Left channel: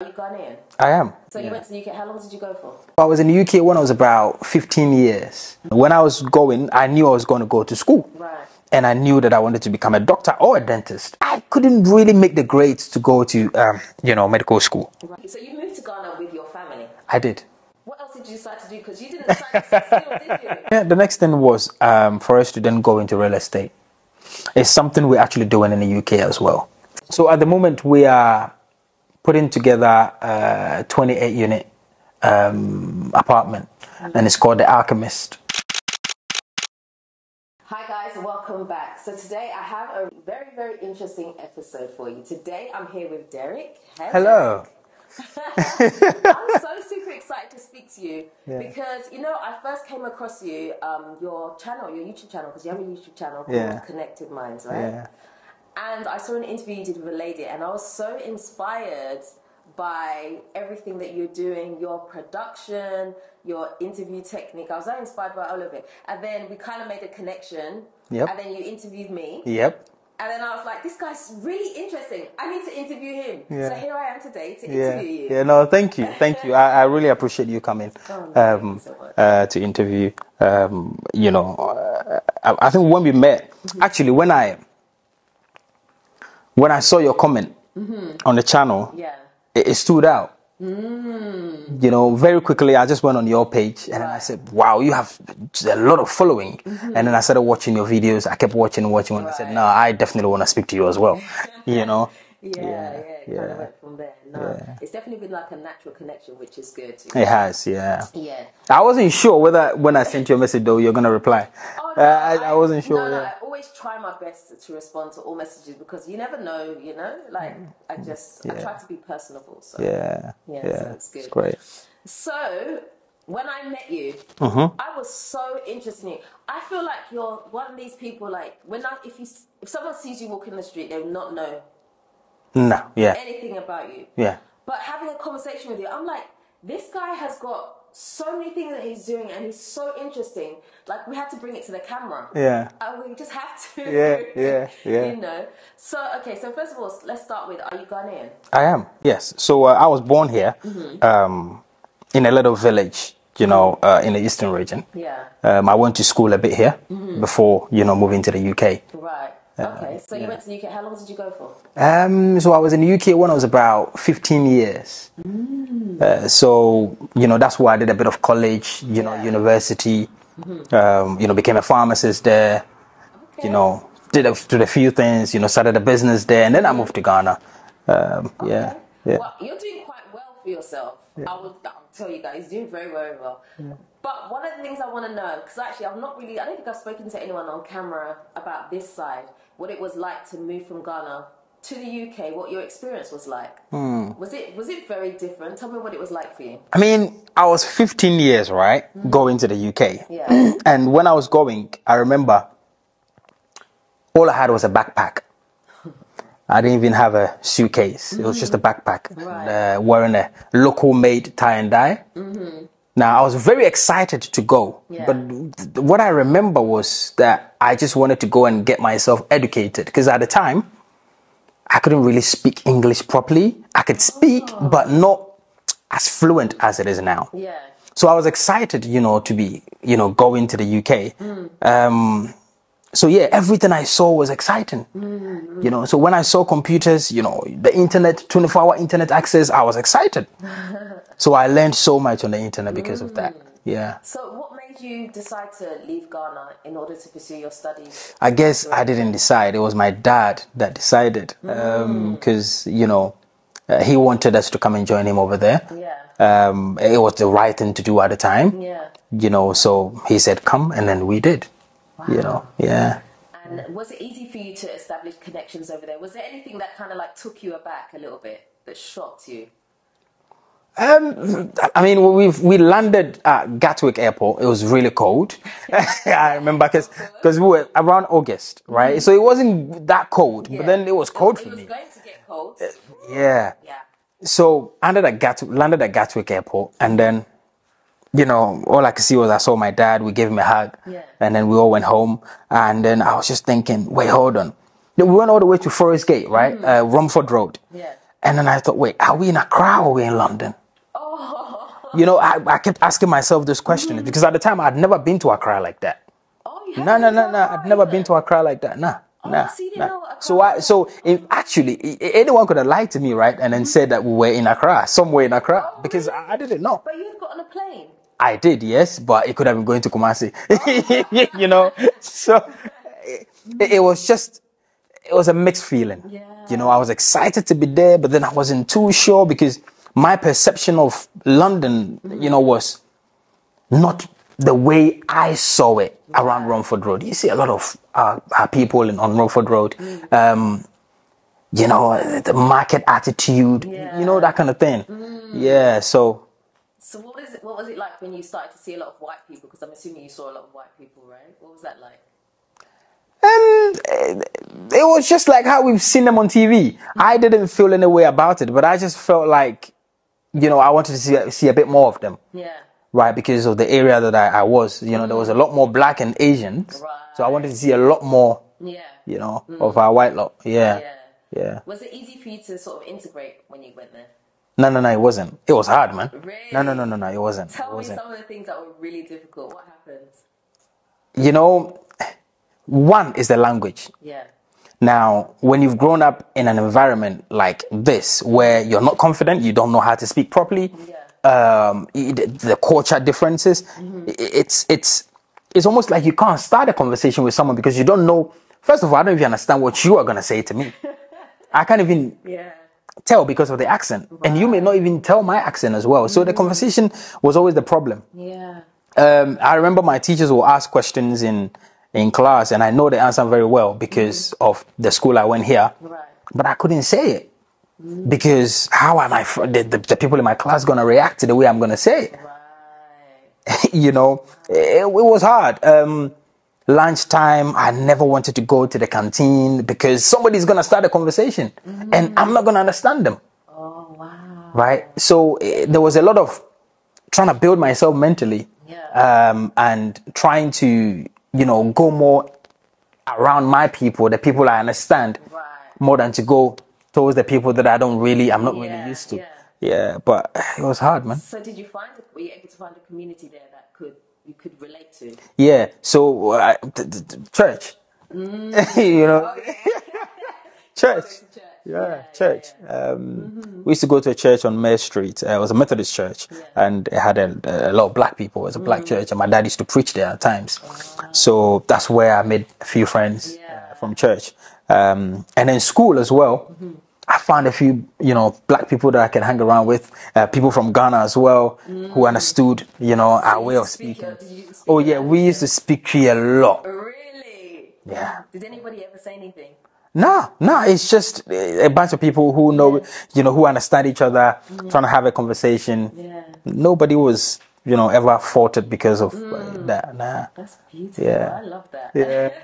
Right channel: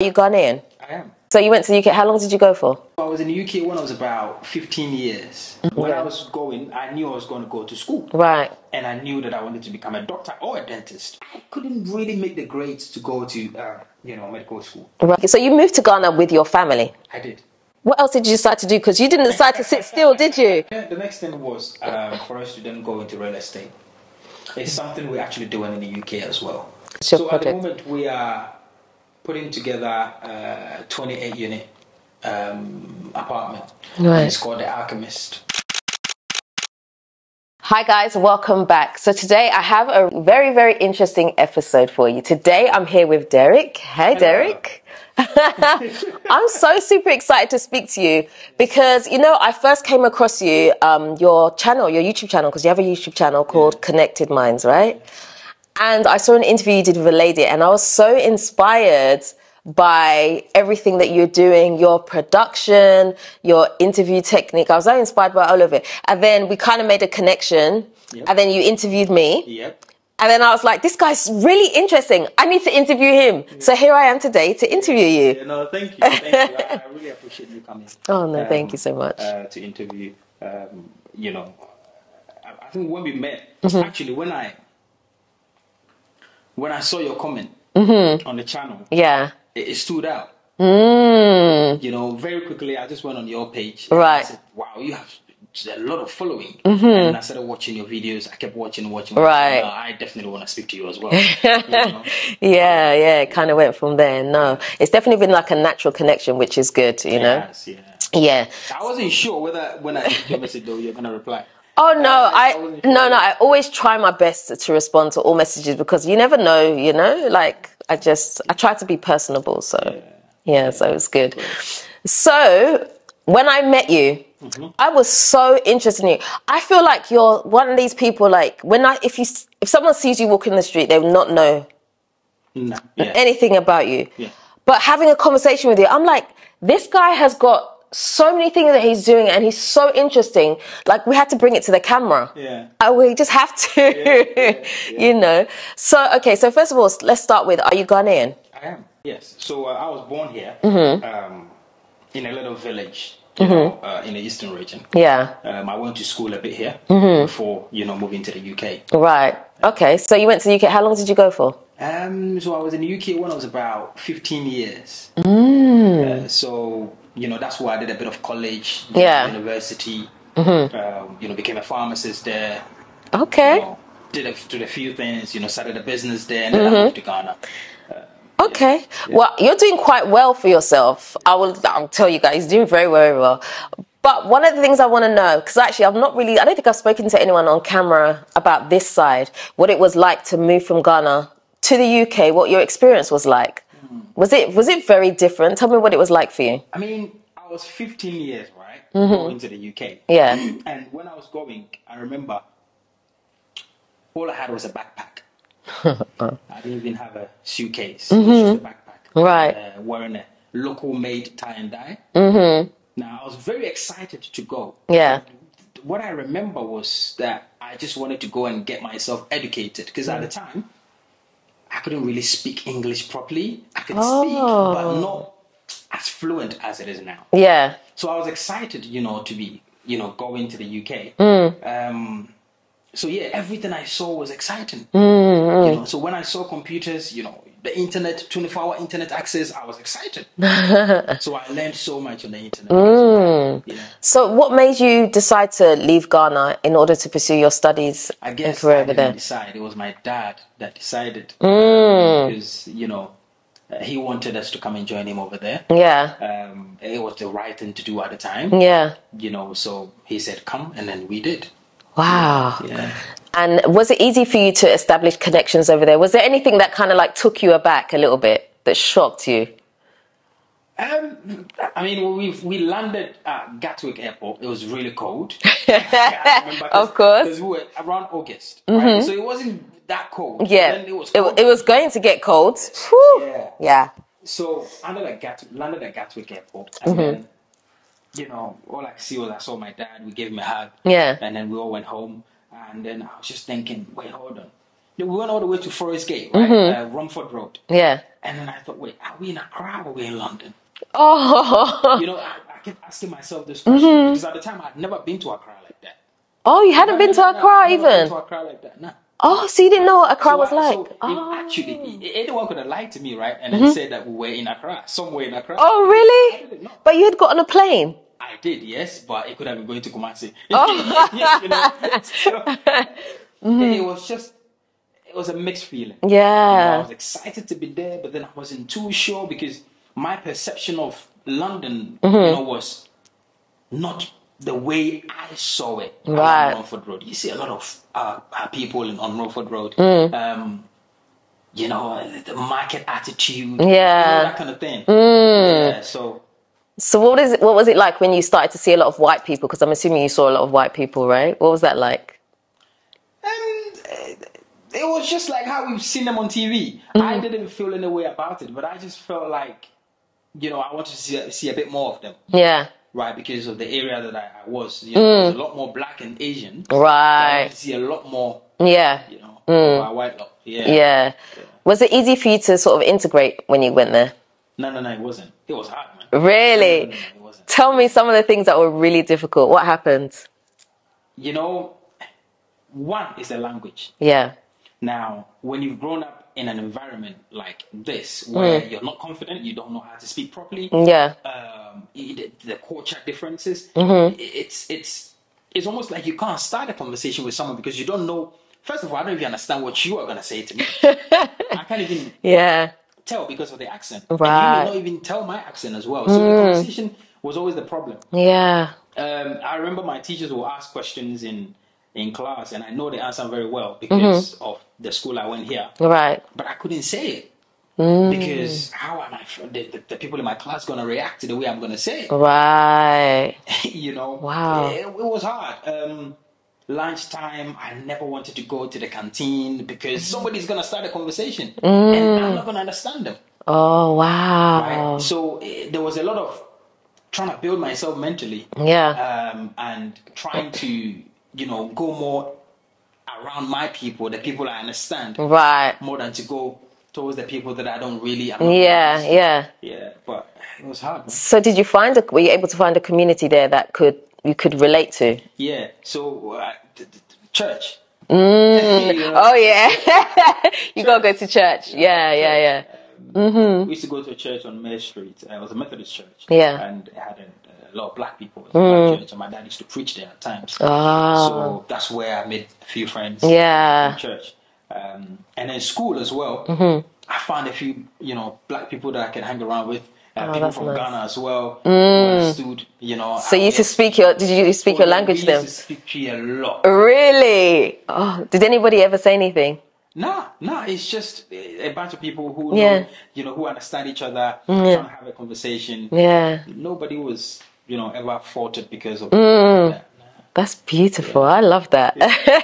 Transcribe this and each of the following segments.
Are you Ghanaian? I am. So you went to the UK. How long did you go for? I was in the UK when I was about 15 years. When I was going, I knew I was going to go to school. Right. And I knew that I wanted to become a doctor or a dentist. I couldn't really make the grades to go to, medical school. Right. So you moved to Ghana with your family? I did. What else did you decide to do? Because you didn't decide to sit still, did you? Yeah, the next thing was for us to then go into real estate. It's something we're actually doing in the UK as well. So at the moment, we are putting together a 28-unit apartment, and it's called The Alchemist. Hi guys, welcome back. So today I have a very, very interesting episode for you. Today I'm here with Derrick. Hey, Hello. Derrick. I'm so super excited to speak to you because, I first came across you, your YouTube channel, because you have a YouTube channel called Connected Minds, right? Yeah. And I saw an interview you did with a lady and I was so inspired by everything that you're doing, your production, your interview technique. I was so inspired by all of it. And then we kind of made a connection. Yep. And then you interviewed me. Yep. And then I was like, this guy's really interesting. I need to interview him. Yeah. So here I am today to interview you. Yeah, no, thank you. Thank you. I really appreciate you coming. Oh, no, thank you so much. To interview. I think when we met, actually, when I saw your comment on the channel, it stood out. Very quickly, I just went on your page and I said, wow, you have a lot of following. And then I started watching your videos. I kept watching. I said, no, I definitely want to speak to you as well. It kind of went from there. No, it's definitely been like a natural connection, which is good. It has, yeah. I wasn't sure whether when I sent you a message though, you're going to reply. Oh, no, I wasn't sure. No, I always try my best to respond to all messages because you never know, I try to be personable. So, so it's good. Great. So, when I met you, I was so interested in you. I feel like you're one of these people, like, if someone sees you walking the street, they will not know anything about you. Yeah. But having a conversation with you, I'm like, this guy has got so many things that he's doing and he's so interesting. Like, we had to bring it to the camera. Yeah. We just have to, So, okay, so first of all, let's start with, are you Ghanaian? I am, yes. So I was born here in a little village, in the eastern region. Yeah. I went to school a bit here before, moving to the UK. Right. Okay, so you went to the UK. How long did you go for? So I was in the UK when I was about 15 years. So, that's why I did a bit of college, university, became a pharmacist there. Okay. Did a few things, started a business there, and then I moved to Ghana. Okay. Yeah. Well, you're doing quite well for yourself. I'll tell you guys, you're doing very, very well. But one of the things I want to know, because actually I don't think I've spoken to anyone on camera about this side, what it was like to move from Ghana to the UK, what your experience was like. Was it very different? Tell me what it was like for you. I mean, I was 15 years, right, going to the UK. Yeah. And when I was going, I remember all I had was a backpack. I didn't even have a suitcase. It was just a backpack. Right. Wearing a local made tie and dye. Now, I was very excited to go. Yeah. But what I remember was that I just wanted to go and get myself educated. Because at the time, I couldn't really speak English properly. I could speak, but not as fluent as it is now. Yeah. So I was excited, to be, going to the UK. So yeah, everything I saw was exciting. So when I saw computers, the internet, 24-hour internet access, I was excited. So I learned so much on the internet because of that. Yeah. So what made you decide to leave Ghana in order to pursue your studies? I guess I didn't decide. It was my dad that decided because, he wanted us to come and join him over there. Yeah. It was the right thing to do at the time. Yeah. So he said, come, and then we did. Wow. Yeah. And was it easy for you to establish connections over there? Was there anything that kind of like took you aback a little bit, that shocked you? I mean, we landed at Gatwick Airport. It was really cold. I remember because we were around August, right? So it wasn't that cold. Yeah. But then it was cold. It was going to get cold. Yeah. Yeah. So landed at Gatwick Airport, and then, all I could see was I saw my dad. We gave him a hug. Yeah. And then we all went home. And then I was just thinking, wait, hold on. We went all the way to Forest Gate, right? Romford Road. Yeah. And then I thought, wait, are we in Accra or are we in London? Oh. You know, I kept asking myself this question because at the time I'd never been to Accra like that. Oh, you hadn't been to Accra I've even? never been to Accra like that, nah. Oh, so you didn't know what Accra was like? So actually, anyone could have lied to me, right? And then said that we were in Accra, somewhere in Accra. Oh, really? I didn't know. But you had got on a plane? I did, yes, but it could have been going to Kumasi. You know, so it was a mixed feeling. Yeah. You know, I was excited to be there, but then I wasn't too sure because my perception of London, you know, was not the way I saw it around Romford Road. You see a lot of people on Romford Road, you know, the market attitude, you know, that kind of thing. Yeah, so what was it like when you started to see a lot of white people? Because I'm assuming you saw a lot of white people, right? What was that like? It was just like how we've seen them on TV. I didn't feel any way about it, but I just felt like, you know, I wanted to see a bit more of them. Yeah. Right, because of the area that I was, you know, there was a lot more black and Asian. Right. So I wanted to see a lot more, you know, of our white lot. Yeah. Was it easy for you to sort of integrate when you went there? No, it wasn't. It was hard, man. Really? No, it wasn't. Tell me some of the things that were really difficult. What happened? You know, one is the language. Yeah. Now, when you've grown up in an environment like this, where you're not confident, you don't know how to speak properly, the culture differences, it's almost like you can't start a conversation with someone because you don't know. First of all, I don't even understand what you are going to say to me. I can't even tell because of the accent. Right. And you may not even tell my accent as well. So the conversation was always the problem. Yeah. I remember my teachers will ask questions in class, and I know the answer very well because of the school I went here. Right. But I couldn't say it because how am the people in my class going to react to the way I'm going to say it? Right. You know, it was hard. Lunchtime, I never wanted to go to the canteen because somebody's going to start a conversation and I'm not going to understand them. Oh, wow. Right. So there was a lot of trying to build myself mentally. Yeah. And trying to, you know, go more around my people, the people I understand. Right. More than to go towards the people that I'm not really used to. Yeah, but it was hard, man. So were you able to find a community there that you could relate to? Yeah, so church. You know? Oh, yeah. You gotta go to church. Yeah. We used to go to a church on Mare Street. It was a Methodist church. Yeah. And it had a lot of black people. It was a black church. And my dad used to preach there at times. Oh. So that's where I made a few friends from church. And then school as well. I found a few, you know, black people that I can hang around with. People from Ghana as well who understood, you know. So you used to speak did you speak your language we used to speak Cree a lot. Really? Yeah. Oh, did anybody ever say anything? No, it's just a bunch of people who know, you know, who understand each other, trying to have a conversation. Yeah. Nobody was, you know, ever faulted because of that. Nah. That's beautiful. I love that. Yeah.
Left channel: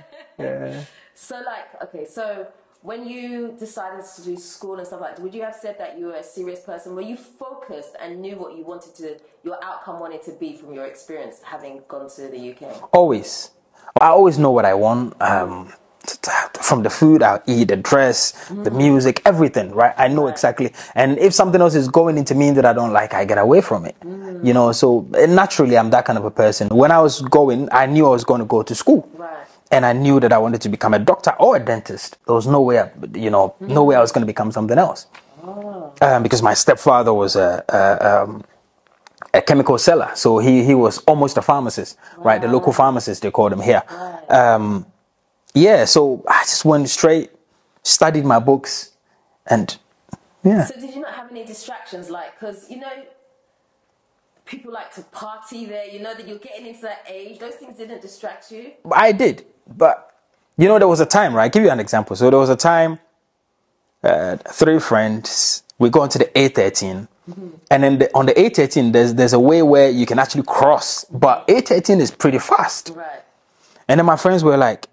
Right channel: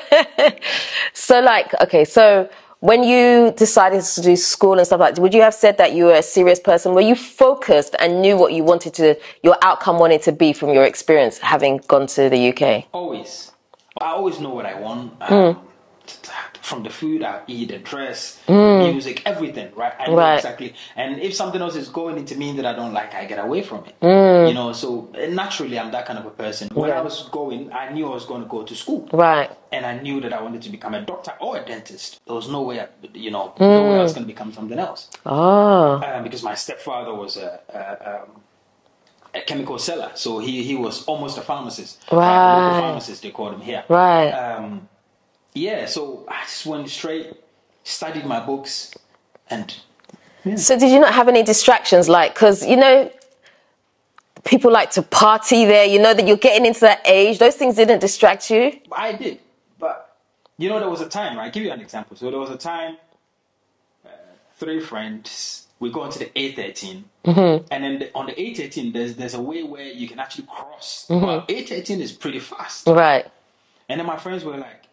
So when you decided to do school and stuff like that, would you have said that you were a serious person? Were you focused and knew what your outcome wanted to be from your experience having gone to the UK? Always. I always know what I want. From the food I'll eat, the dress, the music, everything, right? I know exactly. And if something else is going into me that I don't like, I get away from it. You know, so naturally I'm that kind of a person. When I was going, I knew I was going to go to school. Right. And I knew that I wanted to become a doctor or a dentist. There was no way, no way I was going to become something else. Oh. Because my stepfather was a chemical seller. So he was almost a pharmacist, right? The local pharmacist, they called him here. Right. Yeah, so I just went straight, studied my books, and So did you not have any distractions? Because, you know, people like to party there, you know, that you're getting into that age. Those things didn't distract you? I did, but, you know, there was a time, right? I'll give you an example. So there was a time, 3 friends, we go into the A13, and then on the A13, there's a way where you can actually cross, but A13 is pretty fast. Right. And then my friends were like,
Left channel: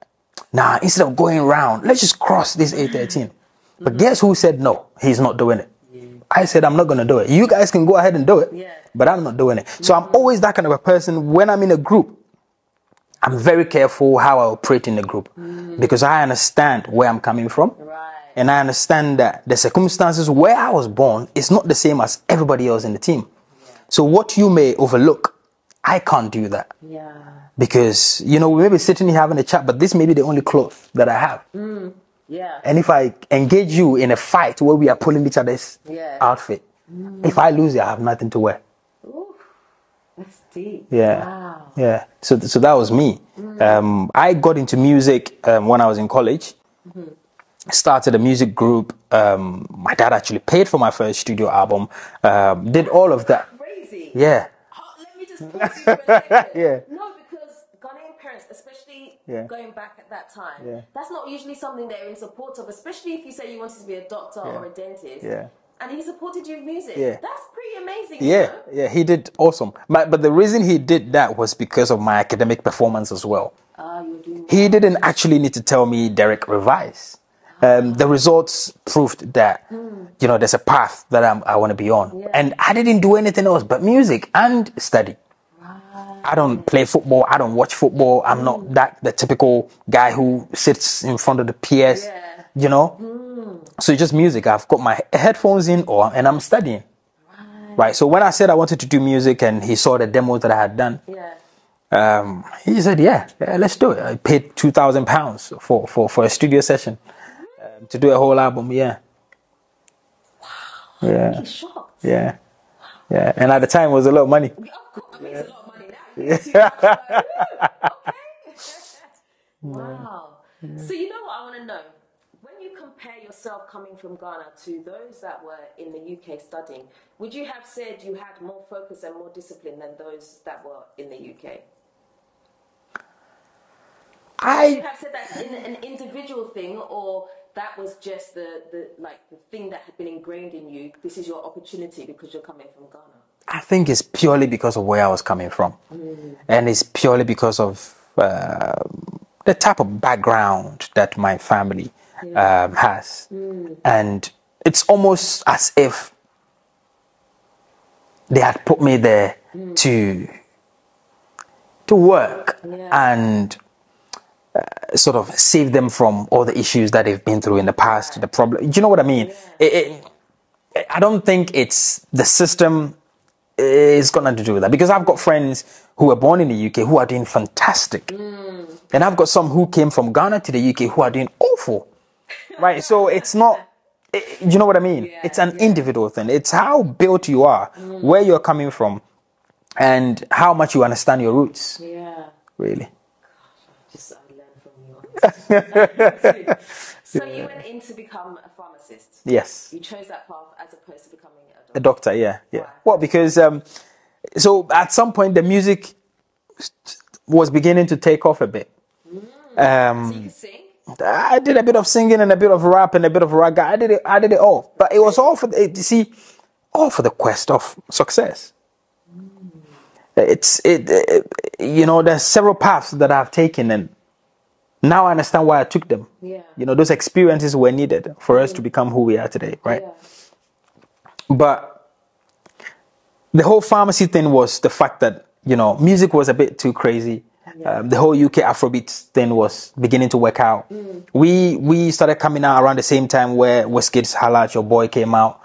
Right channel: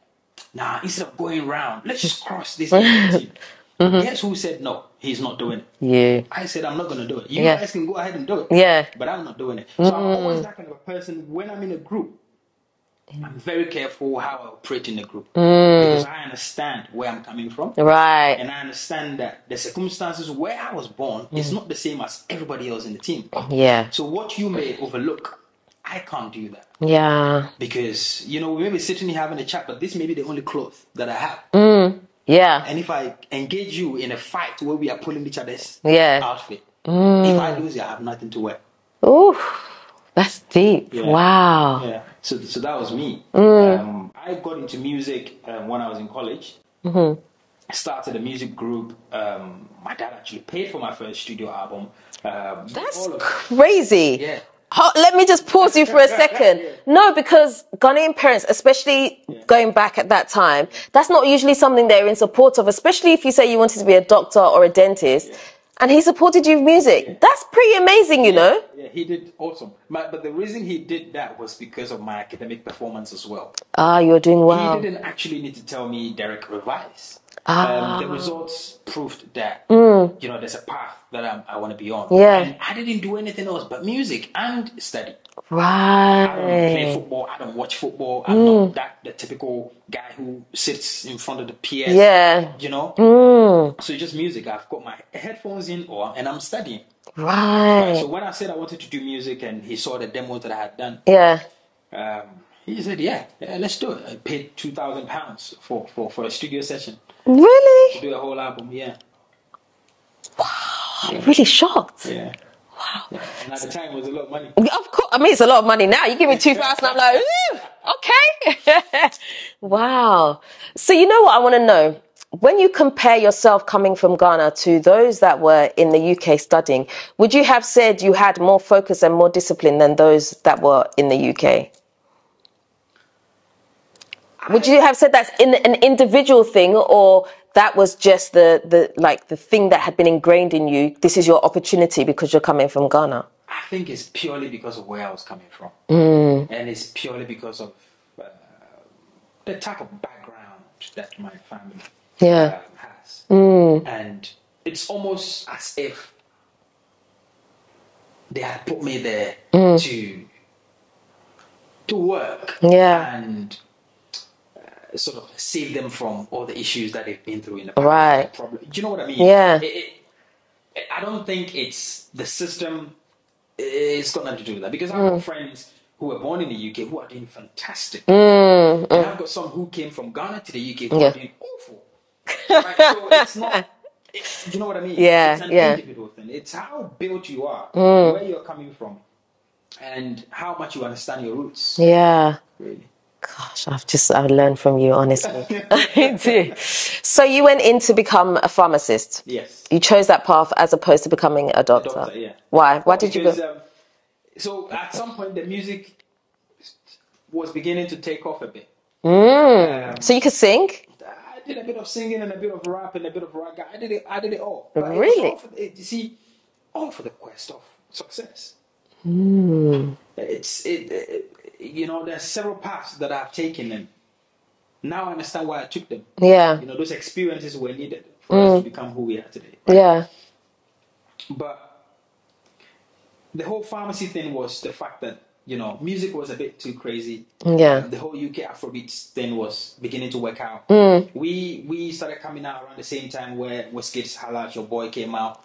nah, instead of going around, let's just cross this A13. But guess who said no? He's not doing it. Yeah. I said, I'm not going to do it. You guys can go ahead and do it. Yeah. But I'm not doing it. So I'm always that kind of a person when I'm in a group. I'm very careful how I operate in the group because I understand where I'm coming from. Right. And I understand that the circumstances where I was born is not the same as everybody else in the team. Yeah. So what you may overlook, I can't do that. Yeah. Because, you know, we may be sitting here having a chat, but this may be the only clothes that I have. Yeah. And if I engage you in a fight where we are pulling each other's outfit, if I lose it, I have nothing to wear. Ooh. That's deep. Yeah. Wow. Yeah. So that was me. I got into music when I was in college. Started a music group. My dad actually paid for my first studio album. Did all of that. Crazy. Yeah. Let me just pause you for a second. No, because Ghanaian parents, especially going back at that time, that's not usually something they're in support of, especially if you say you wanted to be a doctor or a dentist. Yeah. And he supported you with music. Yeah. That's pretty amazing, you know? Yeah, he did awesome. But the reason he did that was because of my academic performance as well. You were doing well. He didn't actually need to tell me, Derrick, revise. The results proved that, you know, there's a path that I want to be on. Yeah. And I didn't do anything else but music and study. Right. I don't play football. I don't watch football. I'm not the typical guy who sits in front of the PS. Yeah. You know? So it's just music. I've got my headphones in and I'm studying. Right. So when I said I wanted to do music and he saw the demos that I had done. Yeah. He said, yeah, let's do it. I paid £2,000 for a studio session. Really? To do a whole album, yeah. Wow. Yeah. I'm really shocked. Yeah. Wow. Yeah, and at the time it was a lot of money. Of course, I mean it's a lot of money now. You give me 2,000, I'm like, okay. Wow. So you know what I want to know? When you compare yourself coming from Ghana to those that were in the UK studying, would you have said you had more focus and more discipline than those that were in the UK? Would you have said that's an individual thing, or that was just the thing that had been ingrained in you? This is your opportunity because you're coming from Ghana. I think it's purely because of where I was coming from, and it's purely because of the type of background that my family has, and it's almost as if they had put me there to work and sort of save them from all the issues that they've been through in the past. The problem, do you know what I mean? Yeah. I don't think it's the system is got nothing to do with that, because I've got friends who were born in the UK who are doing fantastic, and I've got some who came from Ghana to the UK who are doing awful. Right? So it's not. You know what I mean? Yeah. It's an individual thing. It's how built you are, where you're coming from, and how much you understand your roots. Yeah. Really. Gosh, I've learned from you, honestly. So you went in to become a pharmacist. Yes. You chose that path as opposed to becoming a doctor. A doctor, yeah. Why? Why did because, you? So at some point the music was beginning to take off a bit. So you could sing? I did a bit of singing and a bit of rap and a bit of raga. I did it all. But it was all for the quest of success. You know, there's several paths that I've taken, and now I understand why I took them. Yeah. You know, those experiences were needed for us to become who we are today, right? Yeah. But the whole pharmacy thing was the fact that, you know, music was a bit too crazy. Yeah. The whole UK Afrobeat thing was beginning to work out. We started coming out around the same time where Wizkid's Holla at Your Boy came out.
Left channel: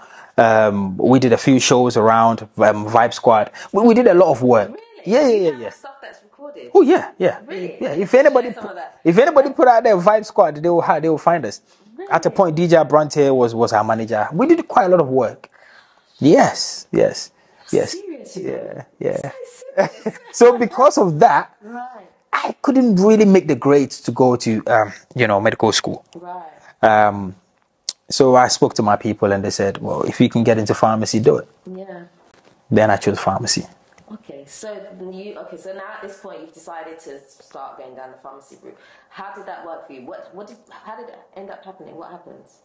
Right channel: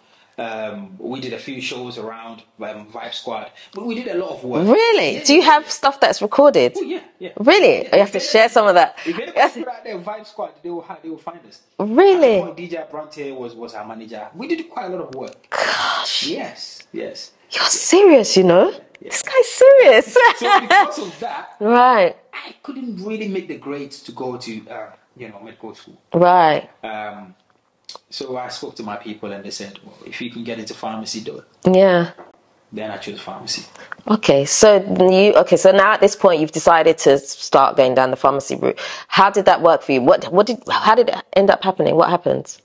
We did a few shows around Vibe Squad. We did a lot of work. Really? Yeah, Do you have stuff that's recorded? Oh yeah, yeah. Really? Yeah. You have to share some of that. If anybody put out there Vibe Squad, they will find us. Really? At a point, DJ Bronte was our manager. We did quite a lot of work. Gosh. Yes. You're serious, you know? Yeah. This guy's serious. So because of that, right, I couldn't really make the grades to go to medical school. Right. So I spoke to my people and they said, well, if you can get into pharmacy, do it. Yeah. Then I chose pharmacy. Okay, so now at this point you've decided to start going down the pharmacy route. How did that work for you? How did it end up happening? What happened?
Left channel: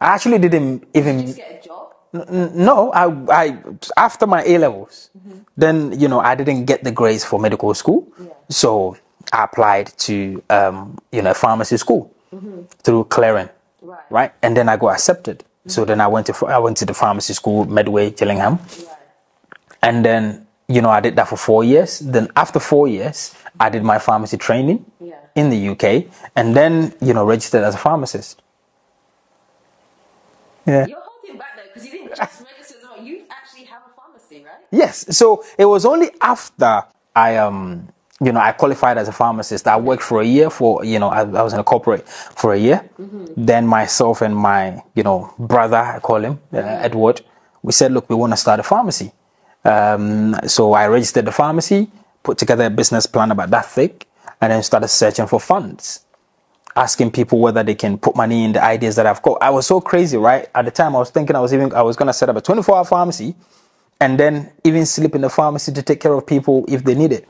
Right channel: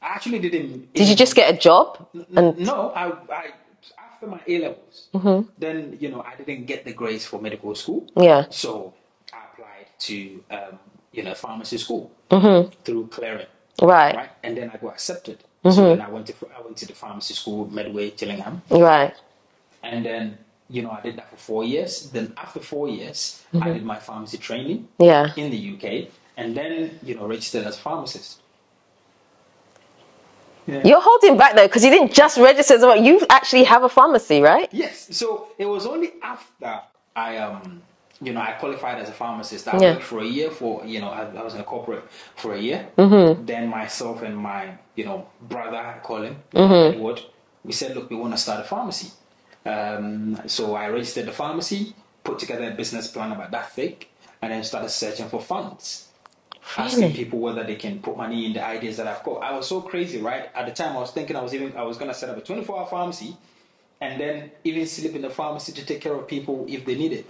I actually didn't. Did you just get a job? No, I after my A-levels, then, you know, I didn't get the grades for medical school. Yeah. So I applied to, a pharmacy school through clearing. Right. And then I got accepted. So then I went to the pharmacy school, Medway, Gillingham. Right. And then I did that for 4 years. Then after 4 years, I did my pharmacy training in the UK, and then, registered as a pharmacist. Yeah. You're holding back though, because you didn't just register as well. You actually have a pharmacy, right? Yes. So it was only after I qualified as a pharmacist. I worked for a year I was in a corporate for a year. Then myself and my, brother, I call him, Edward, we said, look, we want to start a pharmacy. So I registered the pharmacy, put together a business plan about that thick, and then started searching for funds. Asking people whether they can put money in the ideas that I've got. I was so crazy, right? At the time, I was thinking I was going to set up a 24-hour pharmacy, and then even sleep in the pharmacy to take care of people if they need it.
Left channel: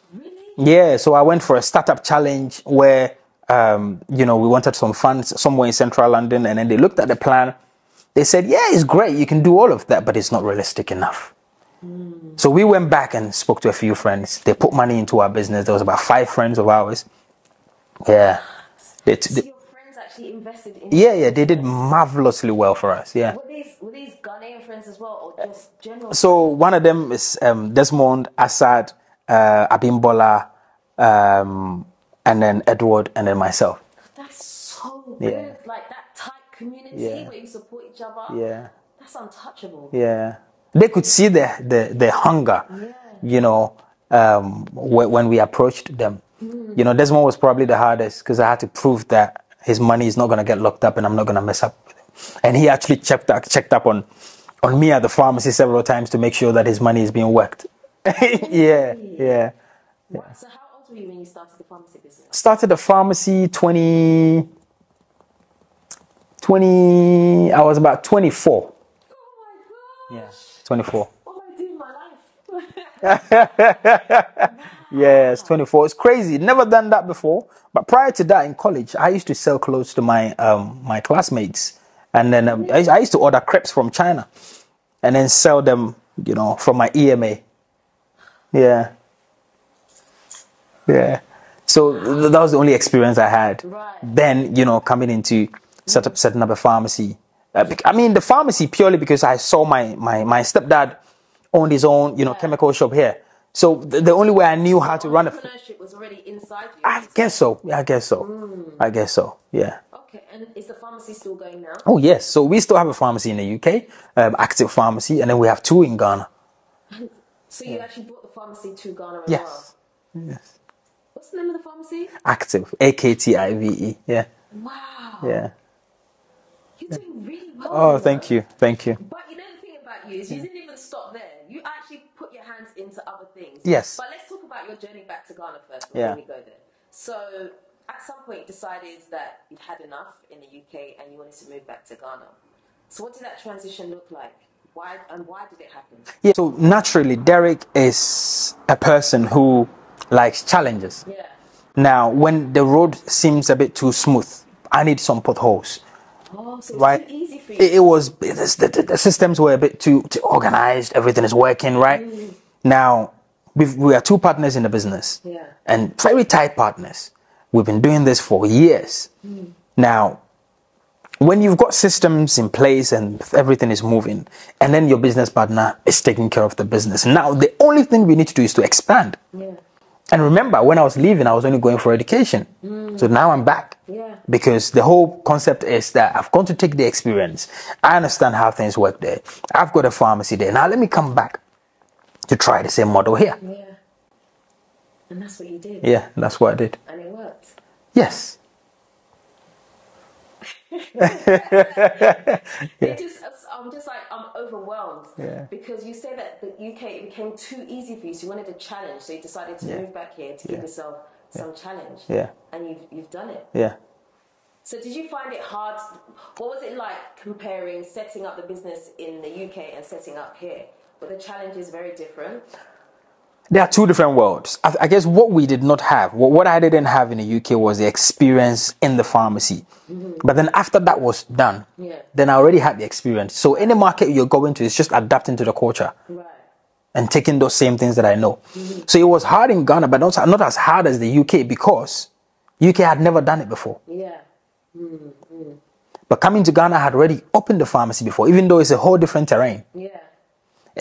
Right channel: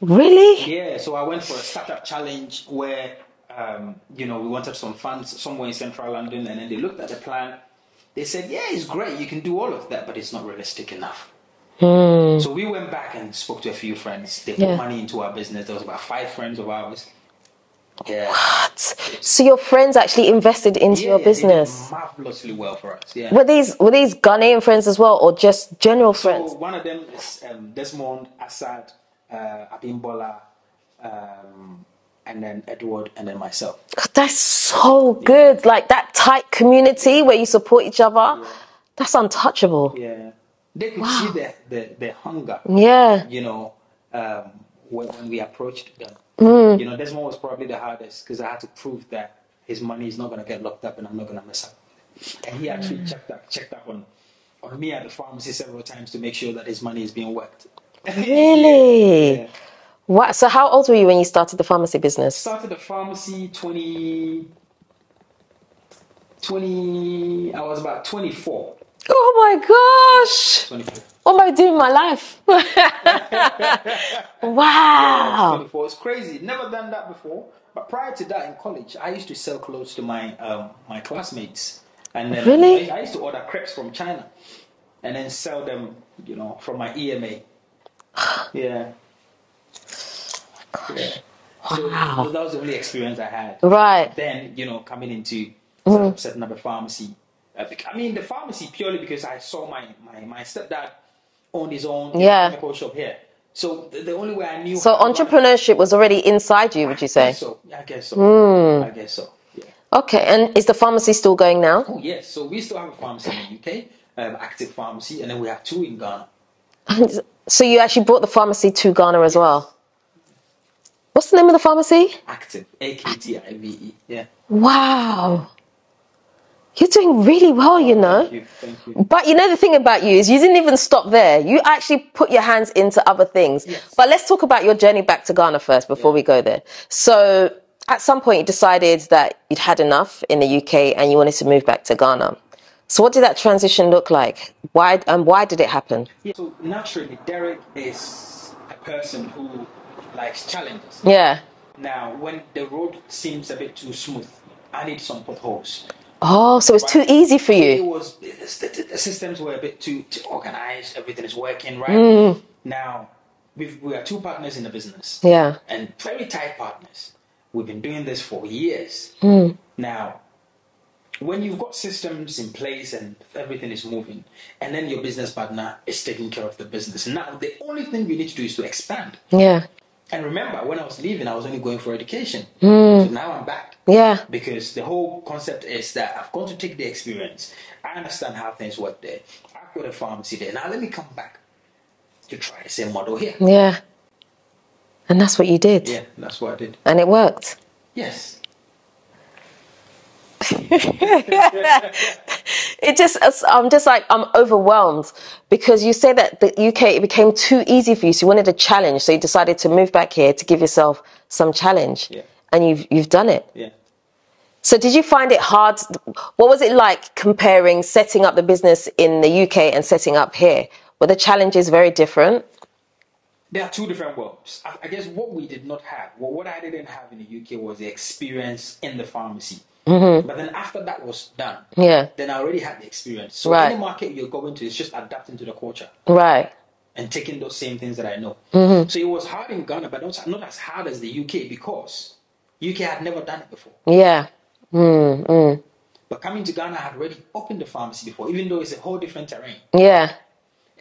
Really? Yeah. So I went for a startup challenge where, we wanted some funds somewhere in central London, and then they looked at the plan. They said, yeah, it's great. You can do all of that, but it's not realistic enough. So we went back and spoke to a few friends. They put money into our business. There was about 5 friends of ours. Yeah. What? So your friends actually invested into your business? Yeah, they did marvelously well for us. Yeah. Were these Ghanaian friends as well, or just general friends? So one of them is Desmond, Assad, Abimbola, and then Edward, and then myself. God, that's so good. Like that tight community where you support each other. Yeah. That's untouchable. Yeah. They could see the hunger. Yeah. When we approached them. Desmond was probably the hardest because I had to prove that his money is not going to get locked up and I'm not going to mess up with it. And he actually checked up on me at the pharmacy several times to make sure that his money is being worked. Really? Yeah. Wow. So how old were you when you started the pharmacy business? Started the pharmacy 20. I was about 24. Oh my gosh. 24. What am I doing in my life? Wow. Yeah, it's 24. It's crazy. Never done that before. But prior to that, in college, I used to sell clothes to my my classmates. And then really? I used to order crepes from China and then sell them, from my EMA. Yeah. Yeah. So that was the only experience I had. Right. Then, coming into setting up a pharmacy. The pharmacy purely because I saw my stepdad owned his own chemical shop here. So the only way I knew how to run entrepreneurship was already inside you, would you say? I guess so. I guess so. Yeah. Okay. And is the pharmacy still going now? Oh, yes. So we still have a pharmacy in the UK, active pharmacy, and then we have 2 in Ghana. So you actually brought the pharmacy to Ghana as well? Yes. What's the name of the pharmacy? Active. AKTIVE. Yeah. Wow. Yeah. You're doing really well, Thank you. But the thing about you is you didn't even stop there. You actually put your hands into other things. Yes. But let's talk about your journey back to Ghana first before we go there. So at some point you decided that you'd had enough in the UK and you wanted to move back to Ghana. So what did that transition look like? Why did it happen? Yeah. So naturally, Derrick is a person who likes challenges. Yeah. Now, when the road seems a bit too smooth, I need some potholes. Oh, so it's too easy for you. It was, the systems were a bit too organized. Everything is working, right? Now, we are 2 partners in the business. Yeah. And very tight partners. We've been doing this for years. Now, when you've got systems in place and everything is moving, and then your business partner is taking care of the business. Now, the only thing we need to do is to expand. Yeah. And remember, when I was leaving, I was only going for education. So now I'm back. Yeah. Because the whole concept is that I've gone to take the experience. I understand how things work there. I've got a pharmacy there. Now let me come back to try the same model here. Yeah. And that's what you did. Yeah, that's what I did. And it worked. Yes. I'm overwhelmed because you say that the UK, it became too easy for you. So you wanted a challenge. So you decided to move back here to give yourself some challenge. Yeah. And you've done it. Yeah. So did you find it hard? What was it like comparing setting up the business in the UK and setting up here? Were the challenges very different? There are 2 different worlds. I guess what we did not have, what I didn't have in the UK was the experience in the pharmacy. But then after that was done, then I already had the experience. So any market you're going to, it's just adapting to the culture. Right. And taking those same things that I know. So it was hard in Ghana, but not as hard as the UK because UK had never done it before. Yeah. But coming to Ghana, I had already opened the pharmacy before, even though it's a whole different terrain. Yeah.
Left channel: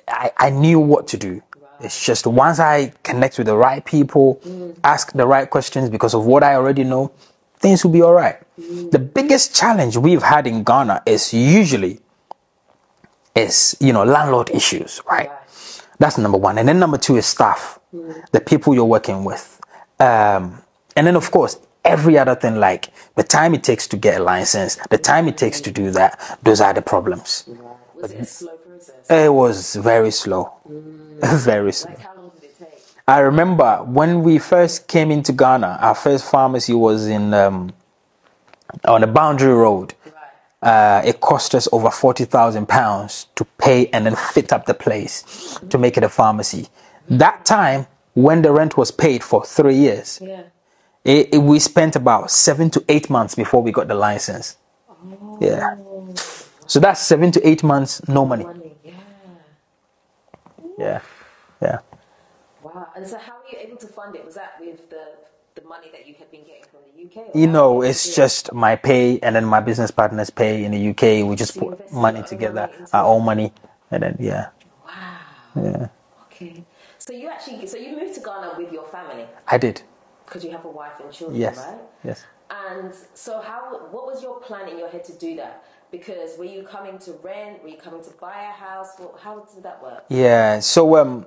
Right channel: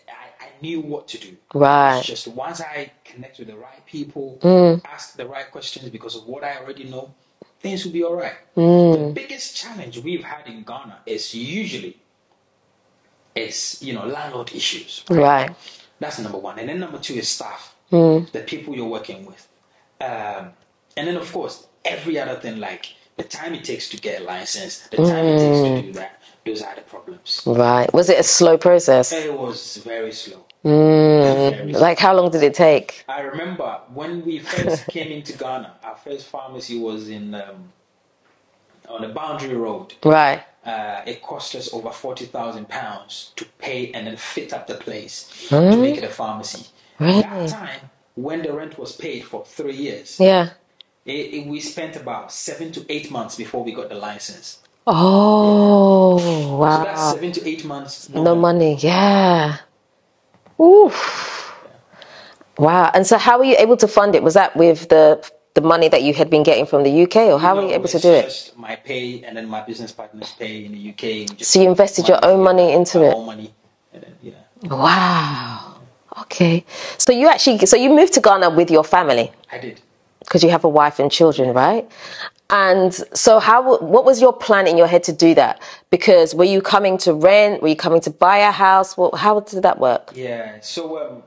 I knew what to do. Right. It's just once I connect with the right people, ask the right questions because of what I already know, things will be all right. The biggest challenge we've had in Ghana is landlord issues, right? Right. That's number one. And then number two is staff, the people you're working with. And then, of course, every other thing, like the time it takes to get a license, the time it takes to do that, those are the problems. Right. Was it a slow process? It was very slow. Very slow. Like, how long did it take? I remember when we first came into Ghana, our first pharmacy was on a boundary road. Right. It cost us over £40,000 to pay and then fit up the place to make it a pharmacy. Really? That time, when the rent was paid for 3 years, we spent about 7 to 8 months before we got the license. Oh, wow. So that's 7 to 8 months, no money. Yeah. Oof. Yeah. Wow. And so how were you able to fund it? Was that with the money that you had been getting from the UK, or how were you able to do it? It's just my pay and then my business partner's pay in the UK. We just so you invested your own money into our it? own money, and then Wow. Yeah. Okay. So you moved to Ghana with your family? I did. Because you have a wife and children, Yes. right? Yes. And so what was your plan in your head to do that? Because were you coming to rent? Were you coming to buy a house? How did that work? Yeah. So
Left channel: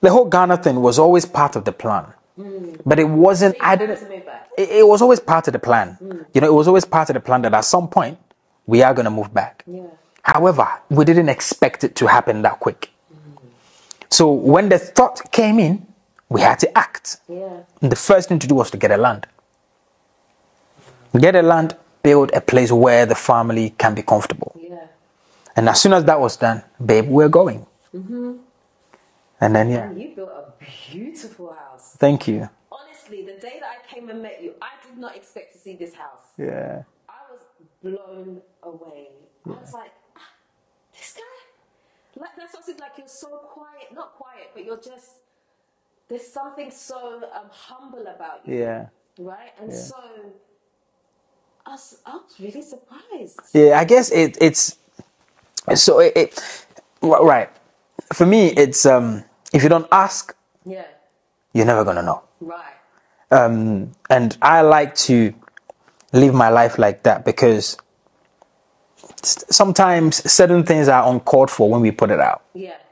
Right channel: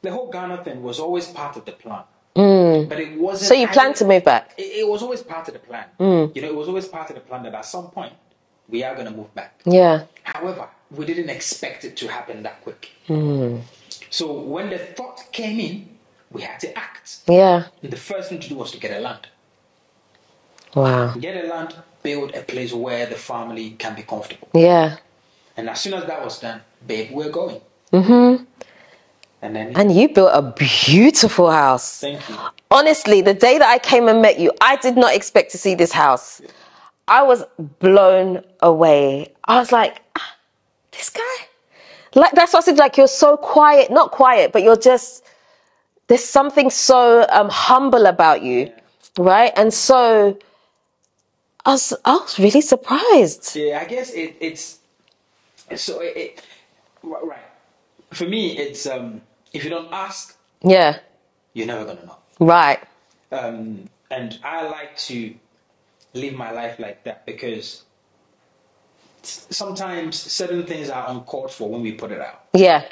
the whole Ghana thing was always part of the plan. But it wasn't... So you planned to move back? It was always part of the plan. It was always part of the plan that at some point we are going to move back. Yeah. However, we didn't expect it to happen that quick. So when the thought came in, we had to act. Yeah. And the first thing to do was to get a land. Wow. Get a land, build a place where the family can be comfortable. Yeah. And as soon as that was done, babe, we're going. And then, And you built a beautiful house. Thank you. Honestly, the day that I came and met you, I did not expect to see this house. Yeah. I was blown away. I was like, this guy? Like, that's what I said, like, you're so quiet. Not quiet, but you're just... There's something so humble about you, right? And so I was really surprised. Yeah, I guess right. For me, it's if you don't ask, you're never gonna know. Right. And I like to live my life like that because sometimes certain things are uncalled for when we put it out. Yeah.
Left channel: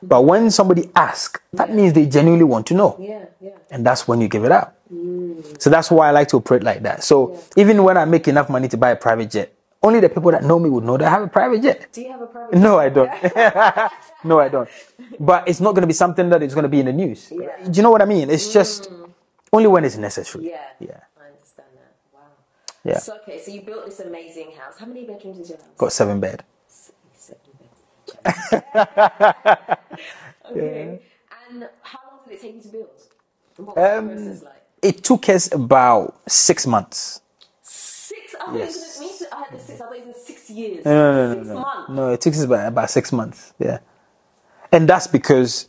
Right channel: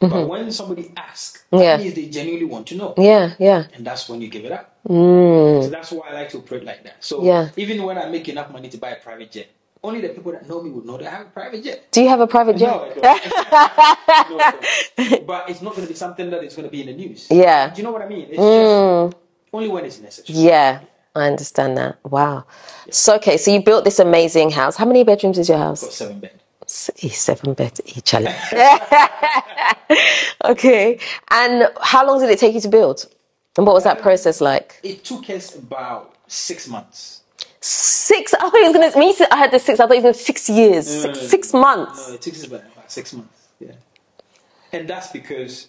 But when somebody asks, that means they genuinely want to know. Yeah. And that's when you give it up. So that's why I like to operate like that. So even when I make enough money to buy a private jet, only the people that know me would know that I have a private jet. Do you have a private jet? No, I don't. No, I don't. But it's not going to be something that is going to be in the news. Yeah. Do you know what I mean? It's just only when it's necessary. Yeah. I understand that. Wow. Yeah. So, okay, so you built this amazing house. How many bedrooms is your house? Got 7 bed. 7 beds each. Okay. And how long did it take you to build? And what was that process like? It took us about 6 months. 6? I thought it was going to... Me, I had the 6. I thought it was going to 6 years. No, 6 months. No, it took us about 6 months. Yeah. And that's because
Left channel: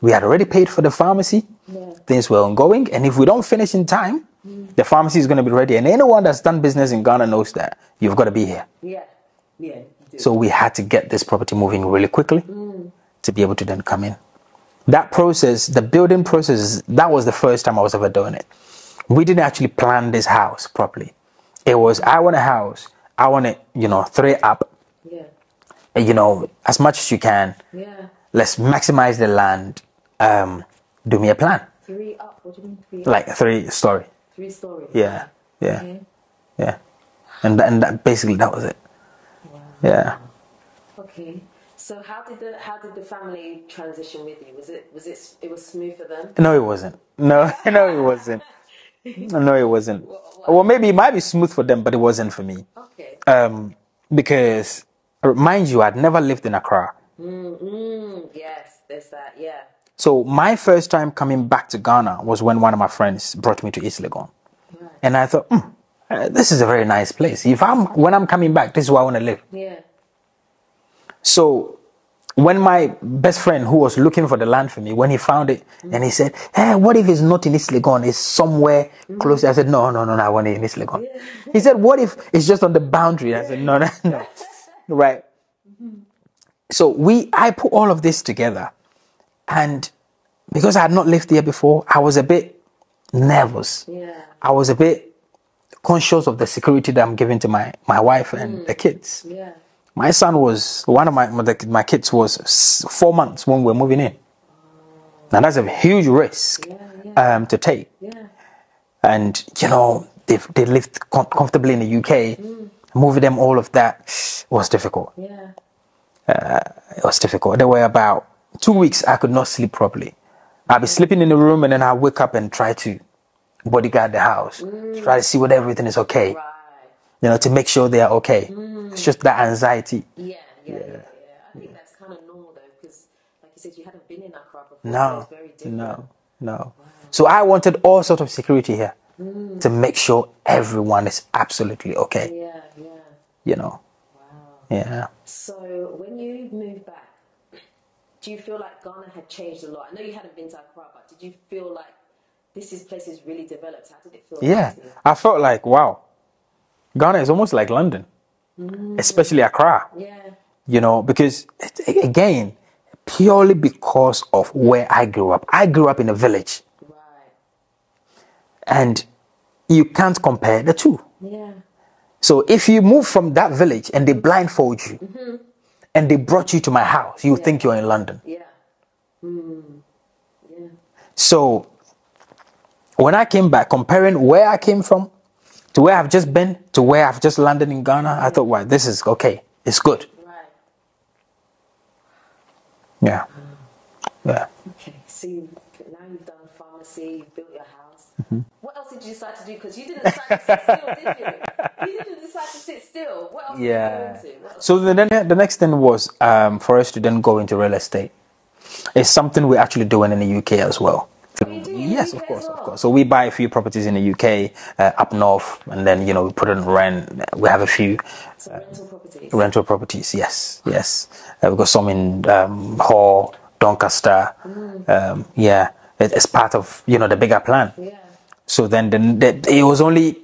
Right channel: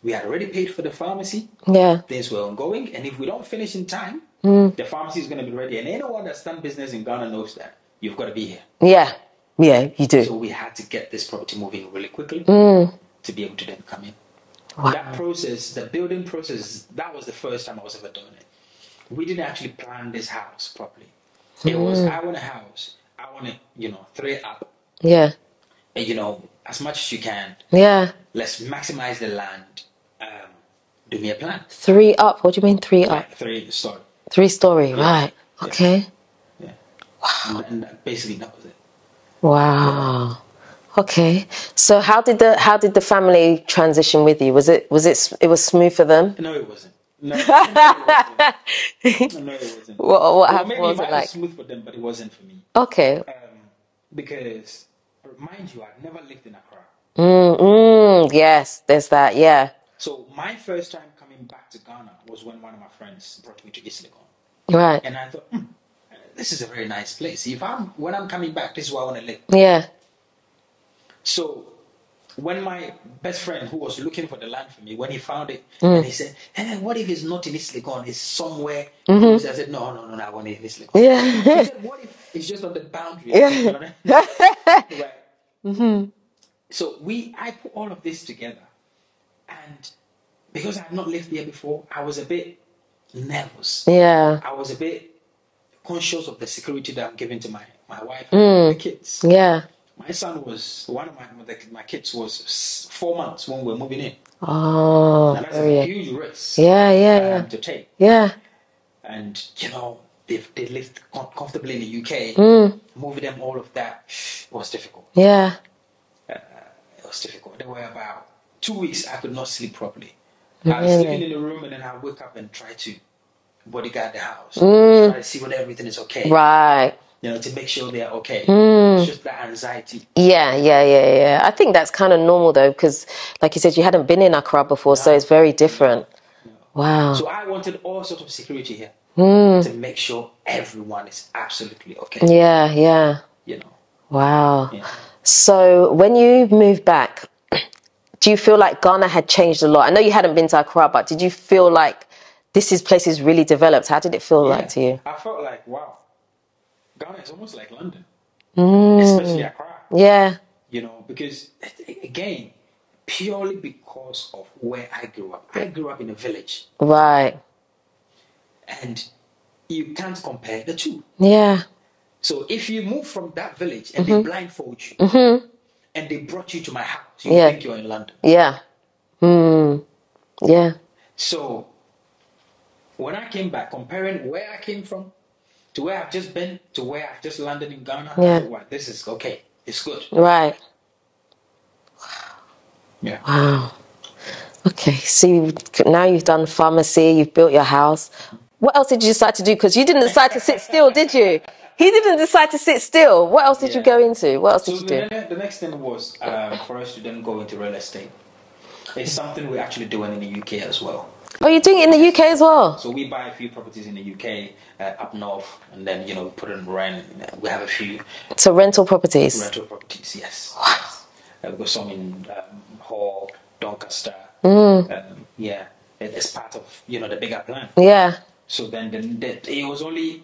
we had already paid for the pharmacy. Yeah. Things were ongoing. And if we don't finish in time, the pharmacy is going to be ready. And anyone that's done business in Ghana knows that you've got to be here. Yeah. Yeah, you do. So we had to get this property moving really quickly to be able to then come in. Wow. That process, the building process, that was the first time I was ever doing it. We didn't actually plan this house properly. It was, I want a house. I want it, 3 up. Yeah. As much as you can. Yeah. Let's maximize the land. Do me a plan. 3 up? What do you mean 3 up? Like 3 story. 3 story, right. Yeah. Okay. Yeah. Wow. And that, basically that was it. Wow. Yeah. Okay. So how did the family transition with you? Was it smooth for them? No, it wasn't. No, it wasn't. No, it wasn't. Well, maybe it might be smooth for them, but it wasn't for me. Okay. Because, mind you, I'd never lived in Accra. Yes, there's that, yeah. So my first time coming back to Ghana was when one of my friends brought me to East Legon. Right. And I thought, this is a very nice place. When I'm coming back, this is where I want to live. Yeah. So when my best friend who was looking for the land for me, when he found it, and he said, hey, what if it's not in East Legon? It's somewhere close. I said, no, I want it in East Legon. Yeah. He said, what if it's just on the boundary? I said, no. Right. So I put all of this together, and because I had not lived here before, I was a bit nervous. Yeah. I was a bit conscious of the security that I'm giving to my wife and the kids. Yeah. My son was, one of my kids was 4 months when we were moving in. Oh. And that's a huge risk. Yeah. To take. Yeah. And, you know, they lived comfortably in the UK. Moving them, all of that was difficult. Yeah. It was difficult. There were about 2 weeks I could not sleep properly. I'd be sleeping in the room, and then I'd wake up and try to bodyguard the house. Try to see whether everything is okay. Right. You know, to make sure they are okay. It's just that anxiety. Yeah. I think that's kind of normal, though, because, like you said, you hadn't been in Accra before, so it's very different. No. Wow. So I wanted all sorts of security here to make sure everyone is absolutely okay. Yeah. You know. Wow. Yeah. So when you moved back, do you feel like Ghana had changed a lot? I know you hadn't been to Accra, but did you feel like this place is really developed? How did it feel like to you? I felt like, wow, Ghana is almost like London, especially Accra. Yeah. You know, because, again, purely because of where I grew up. I grew up in a village. Right. And you can't compare the two. Yeah. So if you move from that village and they blindfold you and they brought you to my house, you think you're in London. Yeah. Yeah. So when I came back, comparing where I came from to where I've just been to where I've just landed in Ghana, I thought, wow, this is okay. It's good. Right. Yeah. Wow. Yeah. Okay, so now you've done pharmacy, you've built your house. What else did you decide to do? Because you didn't decide to sit still, did you? He didn't decide to sit still. What else did you go into? What else did you do? The next thing was for us to then go into real estate. It's something we're actually doing in the UK as well. Oh, you're doing it in the UK as well? So we buy a few properties in the UK, up north, and then, you know, we put it on rent. We have a few. So rental properties? Rental properties, yes. Wow. Yes. We've got some in Hull, Doncaster. It's part of, you know, the bigger plan. Yeah. So then it was only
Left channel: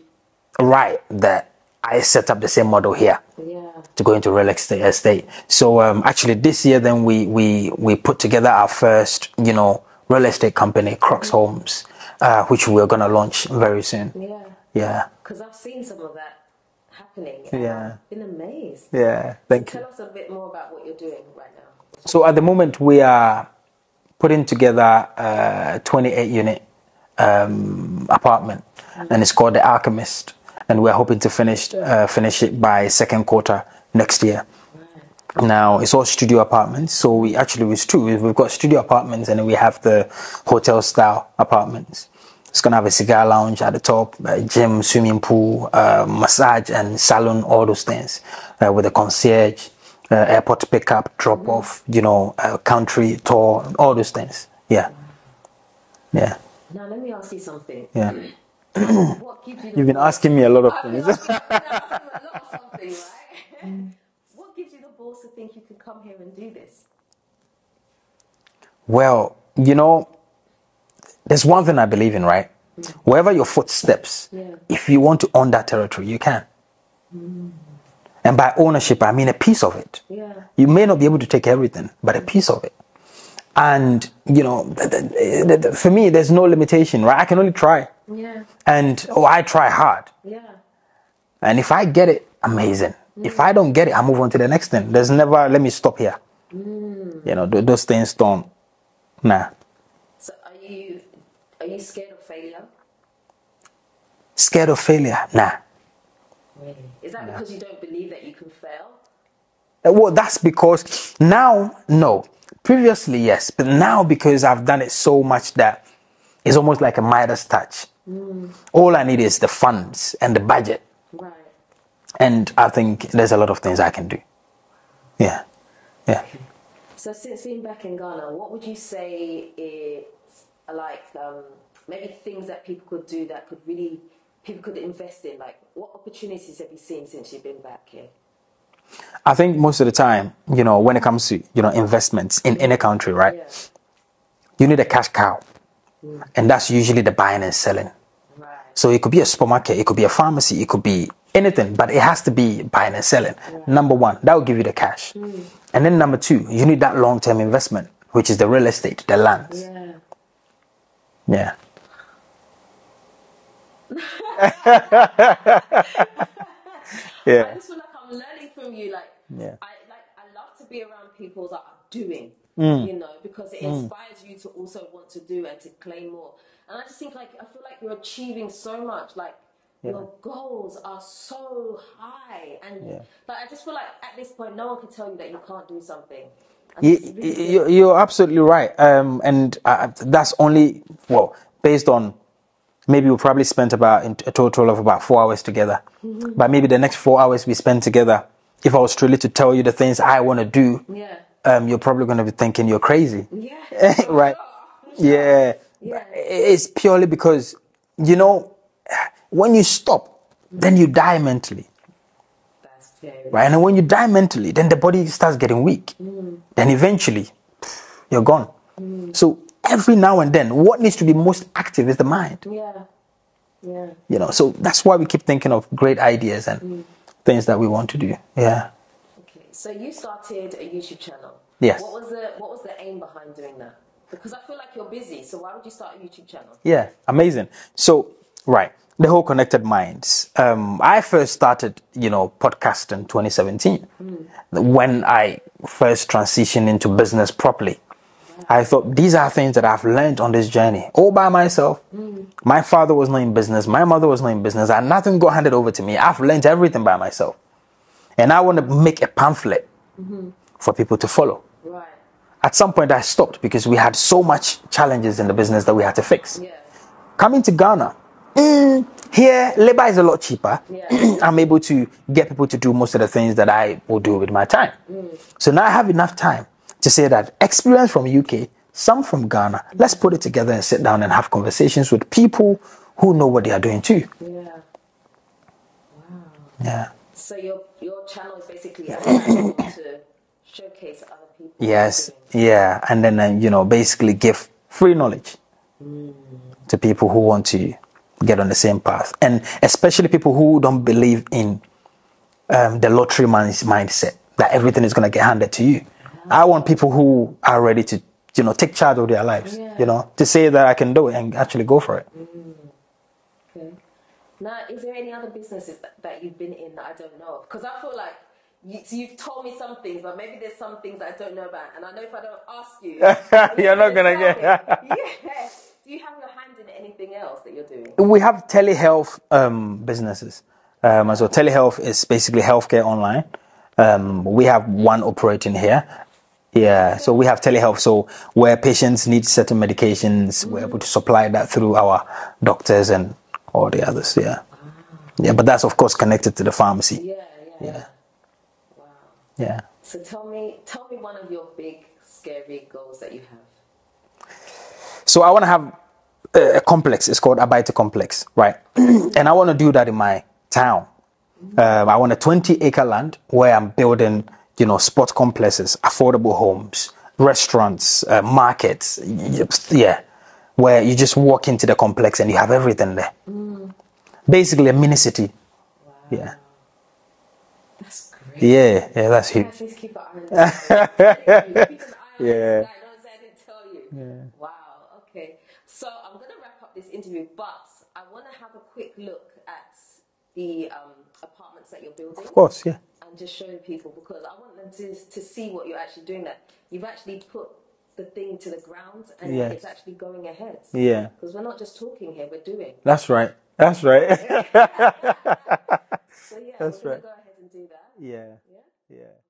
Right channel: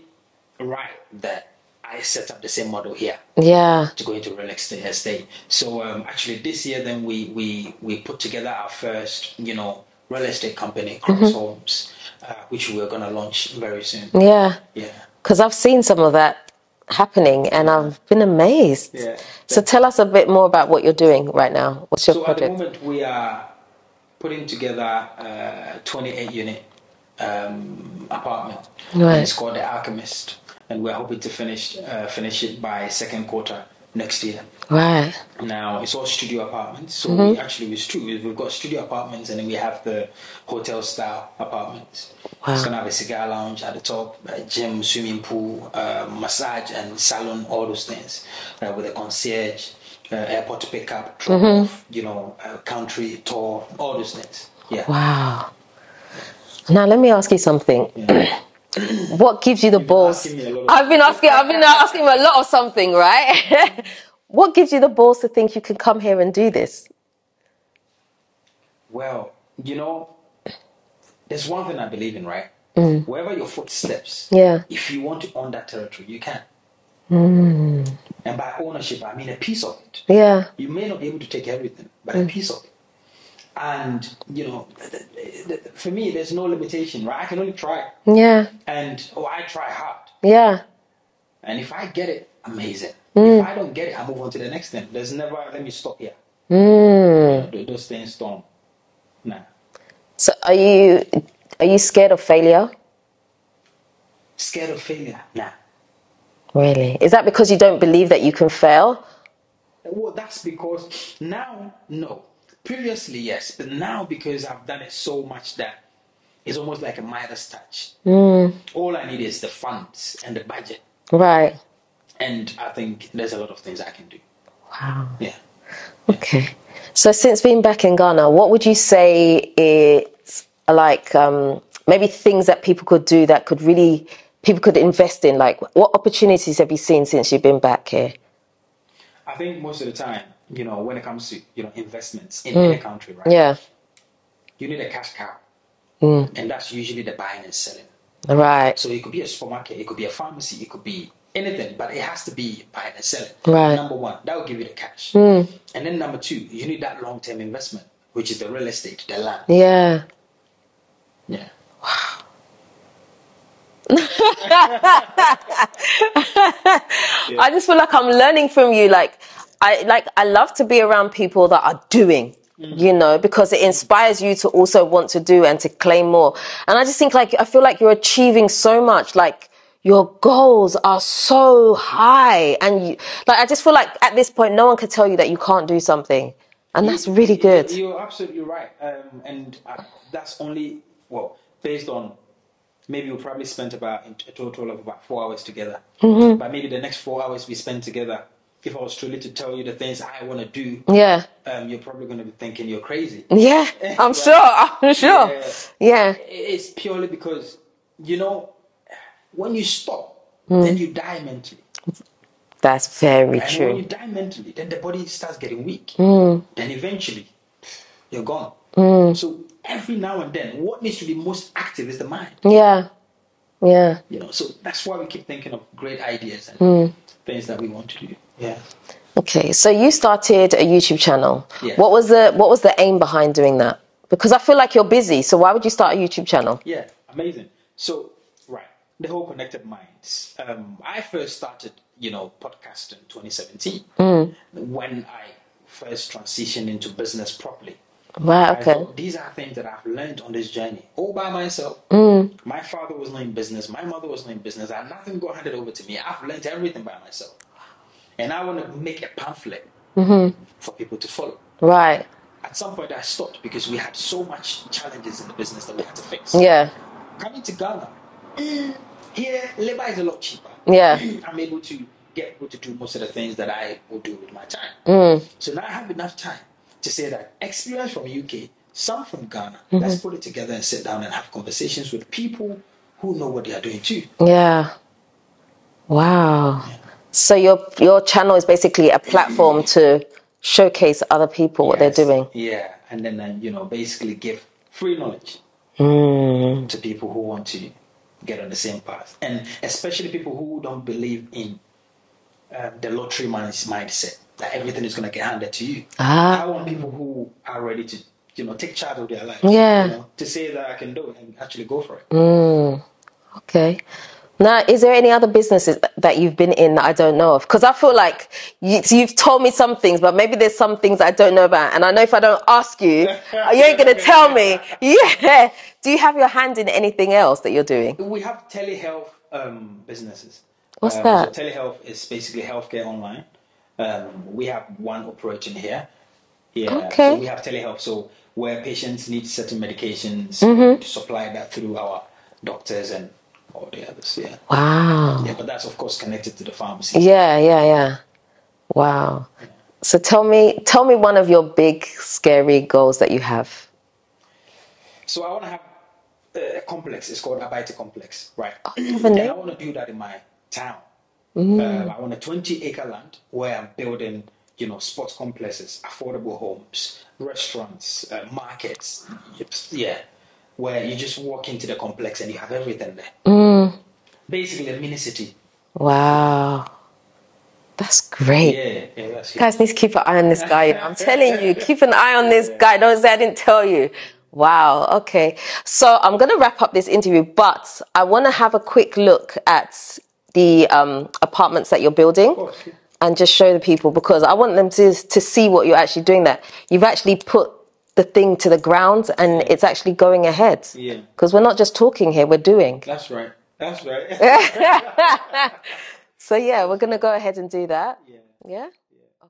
right that I set up the same model here. Yeah. To go into real estate. So actually this year then we put together our first, you know, real estate company, Crocs Homes, which we're going to launch very soon. Yeah. Yeah. Because I've seen some of that happening and I've been amazed. Yeah. So tell us a bit more about what you're doing right now. What's your project? At the moment we are putting together a 28-unit apartment, and it's called The Alchemist, and we're hoping to finish it by second quarter next year. Right. Now it's all studio apartments, so it's true. We've got studio apartments, and then we have the hotel style apartments. Wow. It's gonna have a cigar lounge at the top, a gym, swimming pool, massage and salon, all those things, with a concierge, airport pickup, drop off, you know, country tour, all those things. Yeah. Wow. Yeah. Now let me ask you something. Yeah. What gives you the balls? Been asking me a lot of I've been asking him a lot of something, right? What gives you the balls to think you can come here and do this? Well, you know, there's one thing I believe in, right? Wherever your foot steps, if you want to own that territory, you can. And by ownership, I mean a piece of it. Yeah. You may not be able to take everything, but a piece of it. And, you know, for me, there's no limitation, right? I can only try. Yeah. And, I try hard. Yeah. And if I get it, amazing. If I don't get it, I move on to the next thing. There's never, let me stop here. You know, those things don't, nah. So are you scared of failure? Scared of failure? Nah. Really? Is that because you don't believe that you can fail? Well, that's because now, no. Previously, yes. But now, because I've done it so much that it's almost like a Midas touch. All I need is the funds and the budget. Right. And I think there's a lot of things I can do. Wow. Yeah. Okay. So since being back in Ghana, what would you say is like maybe things that people could do that could really, people could invest in? Like what opportunities have you seen since you've been back here? I think most of the time, you know, when it comes to, you know, investments in any country, right? Yeah. You need a cash cow. And that's usually the buying and selling. Right. So it could be a supermarket, it could be a pharmacy, it could be anything, but it has to be buying and selling. Right. Number one, that will give you the cash. And then number 2, you need that long-term investment, which is the real estate, the land. Yeah. Yeah. Yeah. I just feel like I'm learning from you. Like, I love to be around people that are doing, you know, because it inspires you to also want to do and to claim more. And I just think, like, I feel like you're achieving so much. Like, your goals are so high, and you, like, I just feel like at this point, no one can tell you that you can't do something, and that's really good. You're absolutely right. And that's only, well, based on, maybe we probably spent about a total of about 4 hours together. But maybe the next 4 hours we spend together, if I was truly to tell you the things I want to do, you're probably going to be thinking you're crazy. Yeah, I'm right? I'm sure. Yeah. It's purely because, you know, when you stop, then you die mentally. That's very true. And when you die mentally, then the body starts getting weak. Then eventually, you're gone. So every now and then, what needs to be most active is the mind. Yeah. You know, so that's why we keep thinking of great ideas and things that we want to do. Yeah. Okay, so you started a YouTube channel. Yes. What was the aim behind doing that? Because I feel like you're busy, so why would you start a YouTube channel? Yeah, amazing. So, right, the whole Connected Minds. I first started, you know, podcast in 2017 when I first transitioned into business properly. Right, okay. I thought these are things that I've learned on this journey all by myself. My father was not in business. My mother was not in business. And nothing got handed over to me. I've learned everything by myself. And I want to make a pamphlet for people to follow. Right. At some point I stopped because we had so much challenges in the business that we had to fix. Yeah. Coming to Ghana, here labor is a lot cheaper. Yeah. I'm able to get people to do most of the things that I will do with my time. So now I have enough time to say that experience from UK, some from Ghana, let's put it together and sit down and have conversations with people who know what they are doing too. Yeah. Wow. Yeah. So your channel is basically a platform to showcase other people what they're doing. Yeah, and then you know, basically give free knowledge to people who want to get on the same path, and especially people who don't believe in the lottery mindset that everything is going to get handed to you. I want people who are ready to, you know, take charge of their lives. Yeah. You know, to say that I can do it and actually go for it. Okay. Now, is there any other businesses that you've been in that I don't know of? Because I feel like you've told me some things, but maybe there's some things I don't know about. And I know if I don't ask you, you ain't going to tell me. Yeah. Do you have your hand in anything else that you're doing? We have telehealth businesses. What's that? So telehealth is basically healthcare online. We have one operating here. Yeah, okay. So we have telehealth. So where patients need certain medications, we're able to supply that through our doctors and all the others. Yeah. Wow. Yeah, but that's of course connected to the pharmacy. Yeah. Wow. Yeah. So tell me one of your big scary goals that you have. So I want to have a complex. It's called Abaita Complex, right? And I want to do that in my town. I want a 20-acre land where I'm building, you know, sports complexes, affordable homes, restaurants, markets. Yeah, where you just walk into the complex and you have everything there. Basically a mini city. Wow. Yeah. That's great. Yeah, that's huge. You guys need to keep an eye on this guy. I'm telling you, keep an eye on this guy. Don't say I didn't tell you. Yeah. Wow, okay. So I'm going to wrap up this interview, but I want to have a quick look at the apartments that you're building. Of course, yeah. And just show the people, because I want them to see what you're actually doing there. You've actually put the thing to the ground and it's actually going ahead. Yeah. Because we're not just talking here, we're doing. That's right. That's right. So yeah, we're going to go ahead and do that. Yeah. Yeah?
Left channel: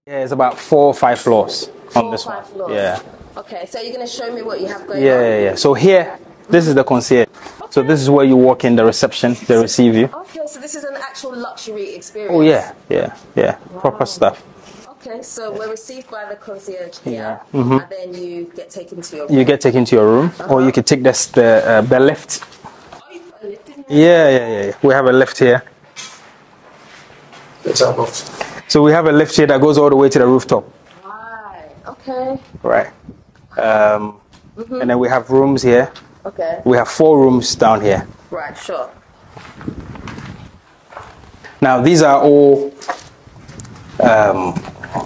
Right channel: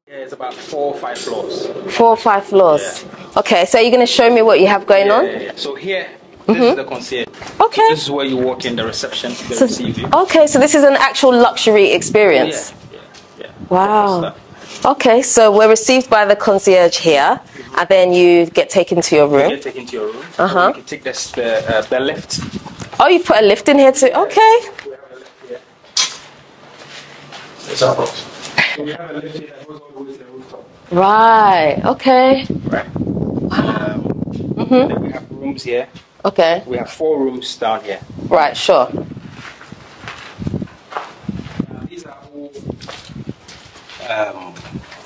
Yeah, it's about 4 or 5 floors. 4 or 5 floors. Yeah. Okay, so you're going to show me what you have going on? Yeah. So here, this is the concierge. Okay. So this is where you walk in, the reception, they receive you. Okay, so this is an actual luxury experience. Yeah. Wow. Proper stuff. Okay, so we're received by the concierge here, and then you get taken to your room. You get taken to your room, or you can take the lift. Oh, you put a lift in here too? Yeah, okay. Yeah. We have a lift here. So we have a lift here that goes all the way to the rooftop. Right, okay. Right. And then we have rooms here. Okay. We have 4 rooms down here. Right, sure. Now, these are all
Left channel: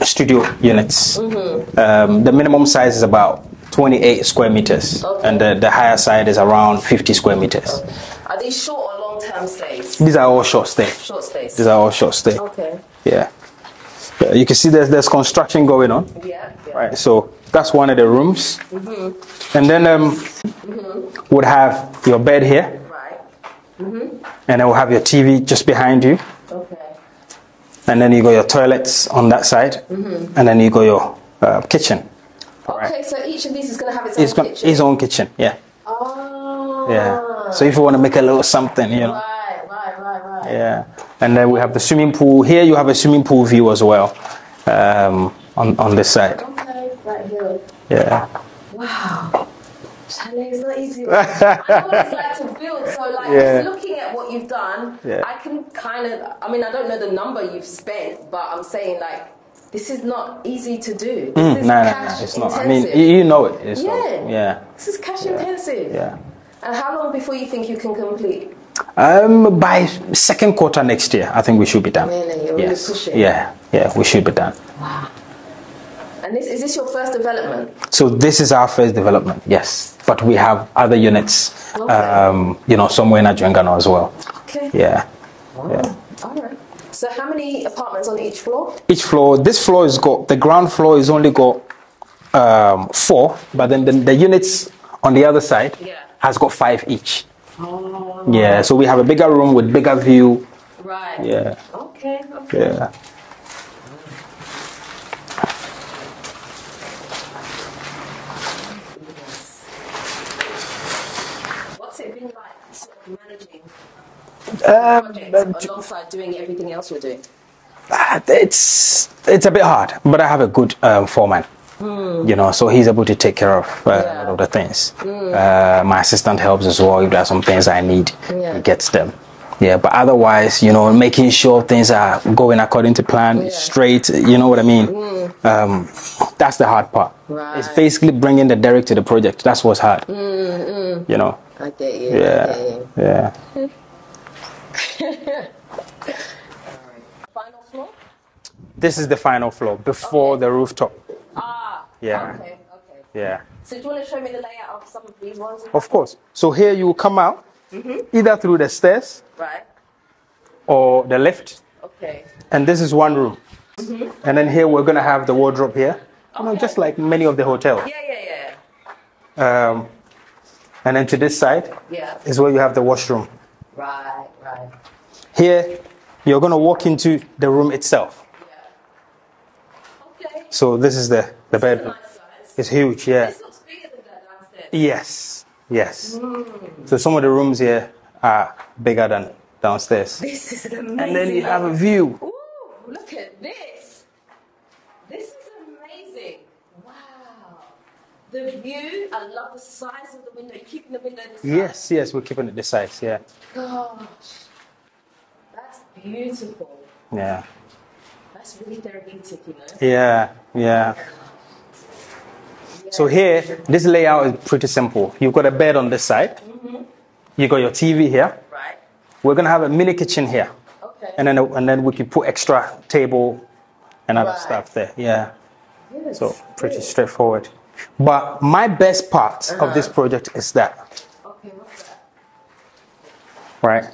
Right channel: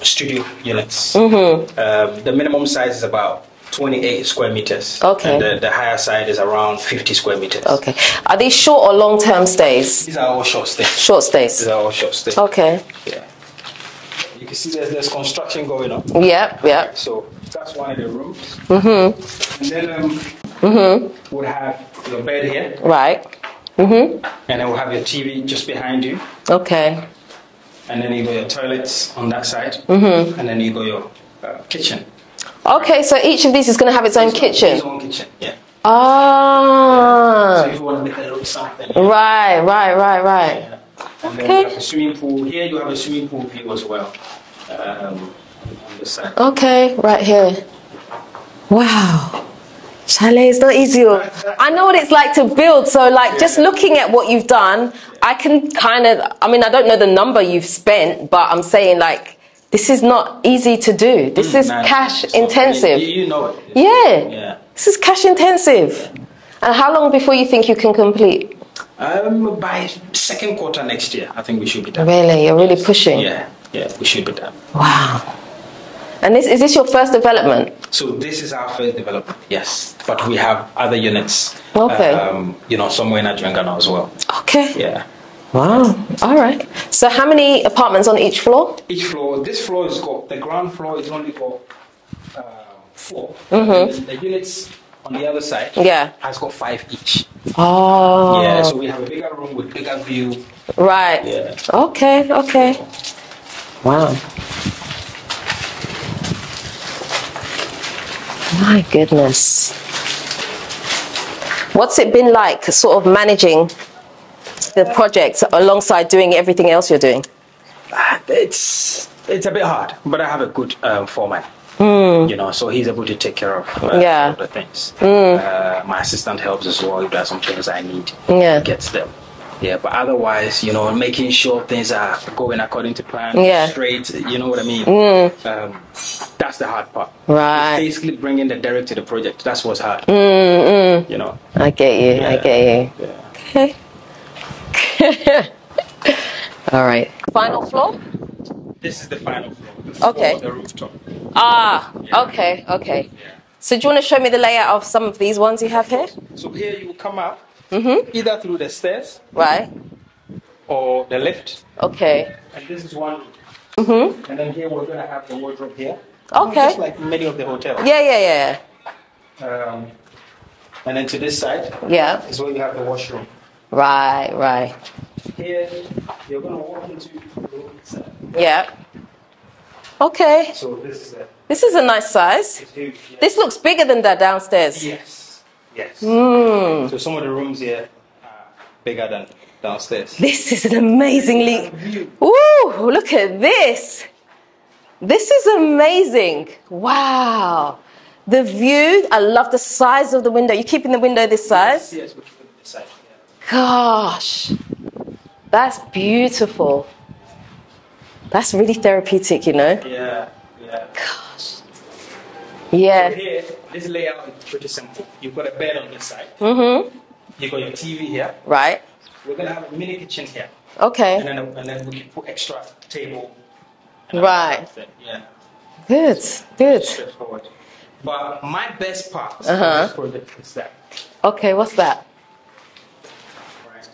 studio units. The minimum size is about 28 square meters. Okay. And the higher side is around 50 square meters. Okay. Are these short or long-term stays? These are all short stays. Short stays. These are all short stays. Okay. Yeah. You can see there's construction going on. Yeah, yeah. Right, so that's one of the rooms. And then would have your bed here. Right. And then we'll have your TV just behind you. Okay. And then you got your toilets on that side. And then you got your kitchen. Okay, right. So each of these is going to have its own kitchen? Its own kitchen, yeah. Ah. Yeah. So if you want to make a little something. You know. Right. Yeah. And then we have the swimming pool. Here you have a swimming pool view as well on this side. Okay, right here. Yeah. Wow. Chalet is not easy. I know what it's like to build. So like just looking at what you've done, I can kind of, I mean, I don't know the number you've spent, but I'm saying like, this is not easy to do. This is cash intensive. I mean, you know it. Yeah. This is cash intensive. Yeah. And how long before you think you can complete? By second quarter next year, I think we should be done. Really? You're really pushing? Yeah, we should be done. Wow. And is this your first development? So this is our first development, yes. But we have other units, somewhere in Adjungana as well. Okay. Yeah. Wow. Yeah. All right. So how many apartments on each floor? Each floor. This floor has got, the ground floor has only got 4, but then the units on the other side has got 5 each. Oh. Yeah, so we have a bigger room with bigger view. Right. Yeah. Okay. Yeah. Wow. My goodness. What's it been like sort of managing the project alongside doing everything else you're doing? It's a bit hard, but I have a good foreman. So he's able to take care of all the things. My assistant helps as well. If there are some things I need, he gets them. Yeah, but otherwise, making sure things are going according to plan, straight, you know what I mean? That's the hard part. Right. It's basically bringing the Derrick to the project. That's what's hard. I get you, I get you. Yeah. Okay. All right. Final floor? This is the final floor, before the rooftop. Ah, yeah. Okay. Yeah. So do you want to show me the layout of some of these ones you have here? Of course. So here you will come out, either through the stairs, right, or the lift. Okay. And this is one room. And then here we're going to have the wardrobe here. Okay. Just like many of the hotels. Yeah. And then to this side is where you have the washroom. Right. Here, you're going to walk into the room itself. Yeah. Okay. So this is the This is a nice size. It's huge, yeah. This looks bigger than that downstairs. Yes. So some of the rooms here are bigger than downstairs. This is an amazingly... And then you have a view. Ooh, look at this. This is amazing. Wow. The view, I love the size of the window. You're keeping the window this size? Yes, we're keeping it this size, yeah. Gosh, that's beautiful. Yeah. That's really therapeutic, Yeah. Gosh. Yeah. So here, this layout is pretty simple. You've got a bed on this side. You got your TV here. Right. We're going to have a mini kitchen here. Okay. And then we can put extra table and other stuff there. Yeah. Good. So pretty straightforward. But my best part of this project is that. Okay, what's that? Right.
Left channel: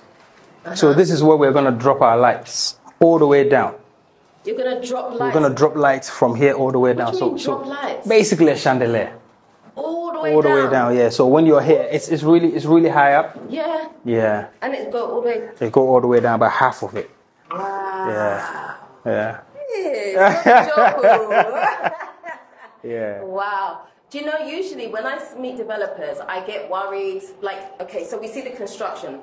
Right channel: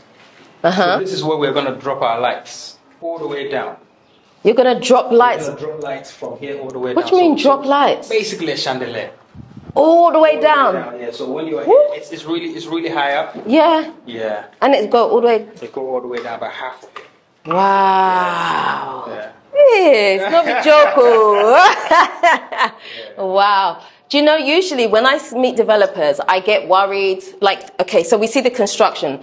So this is where we're going to drop our lights all the way down. You're going to drop lights? We're going to drop lights from here all the way down. What do you mean drop lights? Basically a chandelier. All the way down? All the way down, yeah. So when you're here, it's really high up. Yeah. Yeah. And it go all the way? It go all the way down, about half of it. Wow. Yeah. It's not a joke. Yeah. Wow. Do you know, usually when I meet developers, I get worried, like, okay, so we see the construction,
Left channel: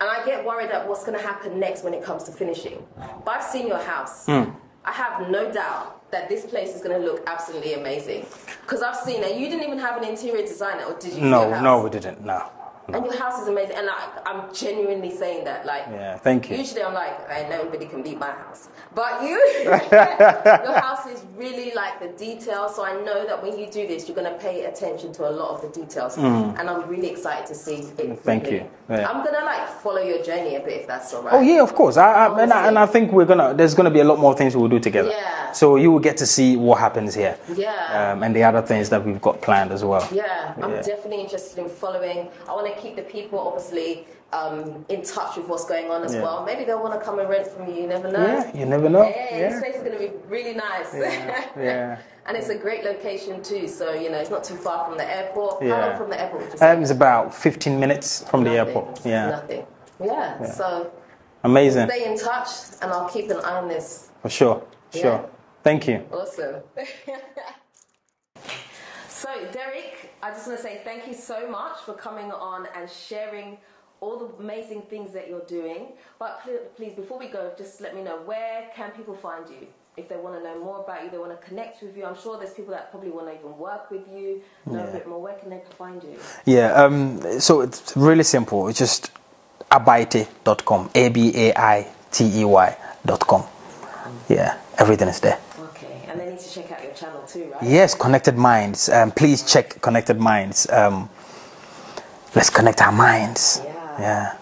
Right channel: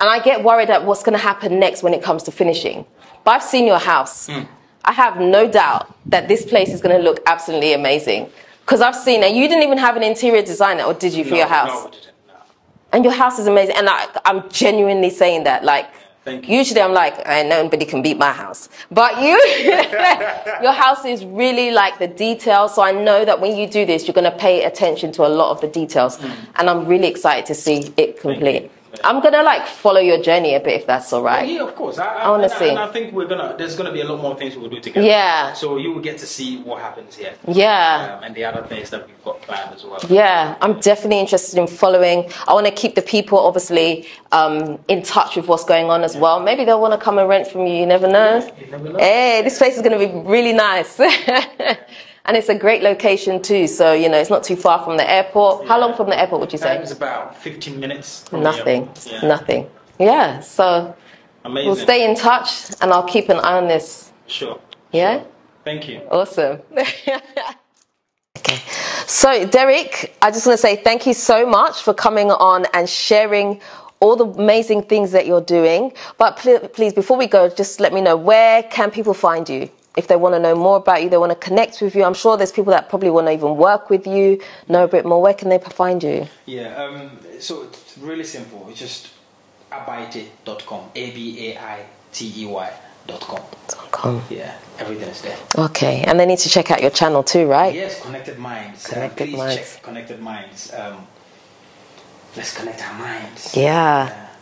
and I get worried at what's going to happen next when it comes to finishing. But I've seen your house. I have no doubt that this place is going to look absolutely amazing. Because I've seen, and you didn't even have an interior designer, or did you, for your house? No, we didn't, no. And your house is amazing, and I'm genuinely saying that. Like, thank you. Usually I'm like, nobody can beat my house. But you, your house is really like the details, so I know that when you do this, you're going to pay attention to a lot of the details. And I'm really excited to see it complete. I'm gonna like follow your journey a bit if that's all right. Oh yeah, of course. And I think there's gonna be a lot more things we'll do together. Yeah. So you will get to see what happens here. Yeah. And the other things that we've got planned as well. Yeah, I'm definitely interested in following. I want to keep the people obviously in touch with what's going on as well. Maybe they'll want to come and rent from you. You never know. Yeah, you never know. Hey, this place is going to be really nice. Yeah. And it's a great location too. So, you know, it's not too far from the airport. How long from the airport would you say? It's about 15 minutes from the airport. Nothing. Yeah, so amazing. We'll stay in touch and I'll keep an eye on this. For sure. Yeah? Sure. Thank you. Awesome. Okay. So, Derrick, I just want to say thank you so much for coming on and sharing all the amazing things that you're doing. But please, before we go, just let me know, where can people find you? If they want to know more about you, they want to connect with you. I'm sure there's people that probably want to even work with you, know a bit more. Where can they find you? Yeah, so it's really simple. It's just abaitey.com, ABAITEY.com. Yeah, everything is there. Okay, and they need to check out your channel too, right? Yes, Connected Minds. Please check Connected Minds. Let's connect our minds. Yeah.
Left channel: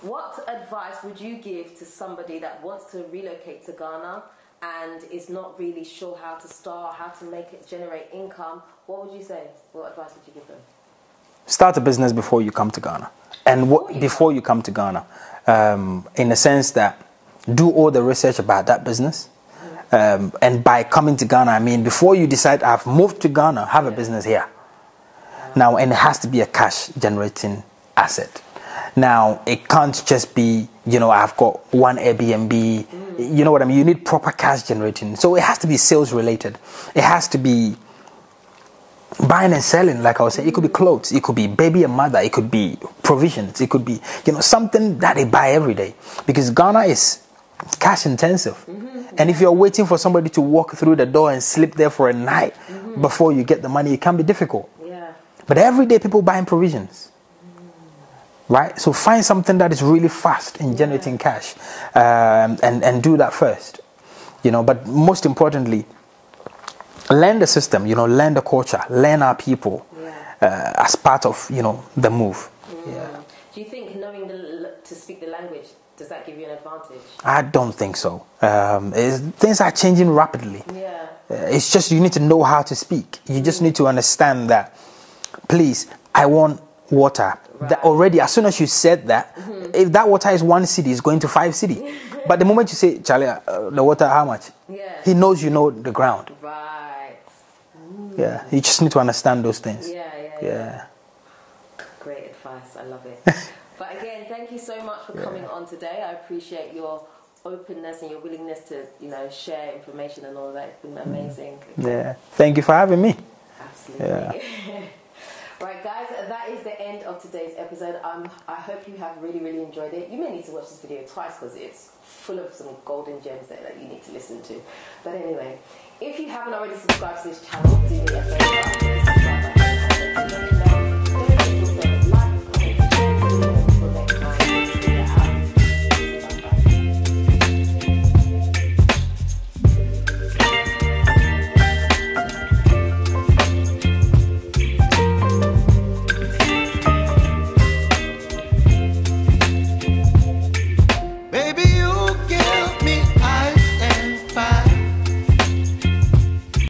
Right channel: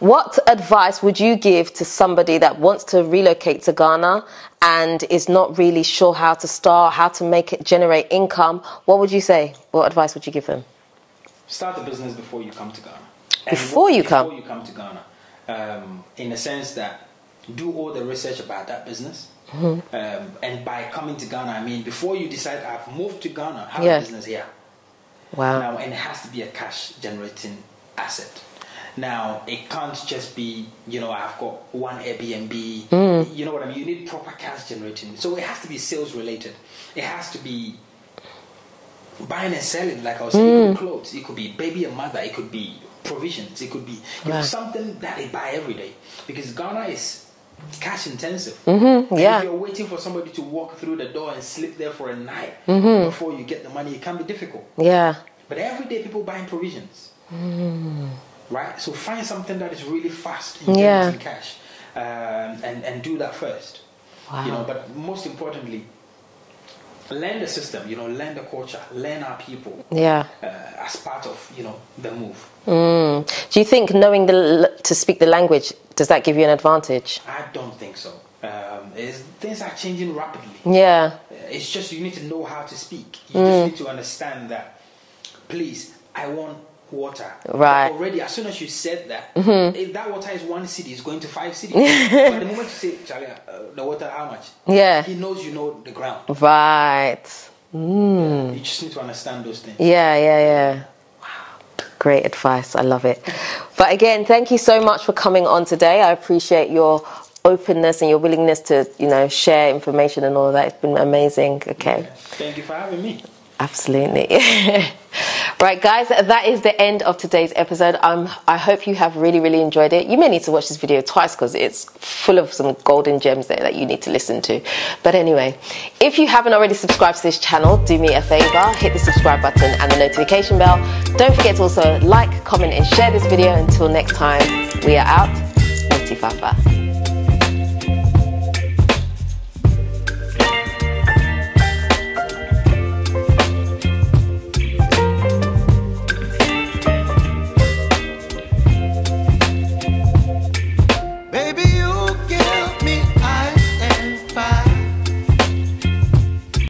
What advice would you give to somebody that wants to relocate to Ghana and is not really sure how to start, how to make it generate income? What would you say? What advice would you give them? Start a business before you come to Ghana. And before you come to Ghana, in the sense that do all the research about that business. And by coming to Ghana, I mean before you decide I've moved to Ghana, have a business here. Wow. Now, and it has to be a cash generating asset. Now, it can't just be, you know, I've got one Airbnb, you know what I mean? You need proper cash generating. So it has to be sales related. It has to be buying and selling, like I was saying. It could be clothes, it could be baby and mother, it could be provisions, it could be, you know, something that they buy every day. Because Ghana is cash intensive. And if you're waiting for somebody to walk through the door and sleep there for a night before you get the money, it can be difficult. Yeah. But every day people buying provisions. Right? So find something that is really fast in generating cash and do that first. Wow. You know, but most importantly, learn the system, you know, learn the culture, learn our people as part of, you know, the move. Do you think knowing to speak the language, does that give you an advantage? I don't think so. Things are changing rapidly. Yeah. It's just you need to know how to speak. You just need to understand that, please, I want water. Right. Already, as soon as you said that, if that water is 1 city, it's going to 5 cities. But the moment you say, Charlie, the water, how much? Yeah. He knows you know the ground. Right. Yeah. You just need to understand those things. Yeah. Wow. Great advice. I love it. But again, thank you so much for coming on today. I appreciate your openness and your willingness to, you know, share information and all of that. It's been amazing. Okay. Yeah. Thank you for having me. Absolutely. Yeah. Right, guys, that is the end of today's episode. I hope you have really, really enjoyed it. You may need to watch this video twice because it's full of some golden gems there that you need to listen to. But anyway, if you haven't already subscribed to this channel, do me a favor, hit the subscribe button and the notification bell. Don't forget to also like, comment and share this video. Until next time, we are out.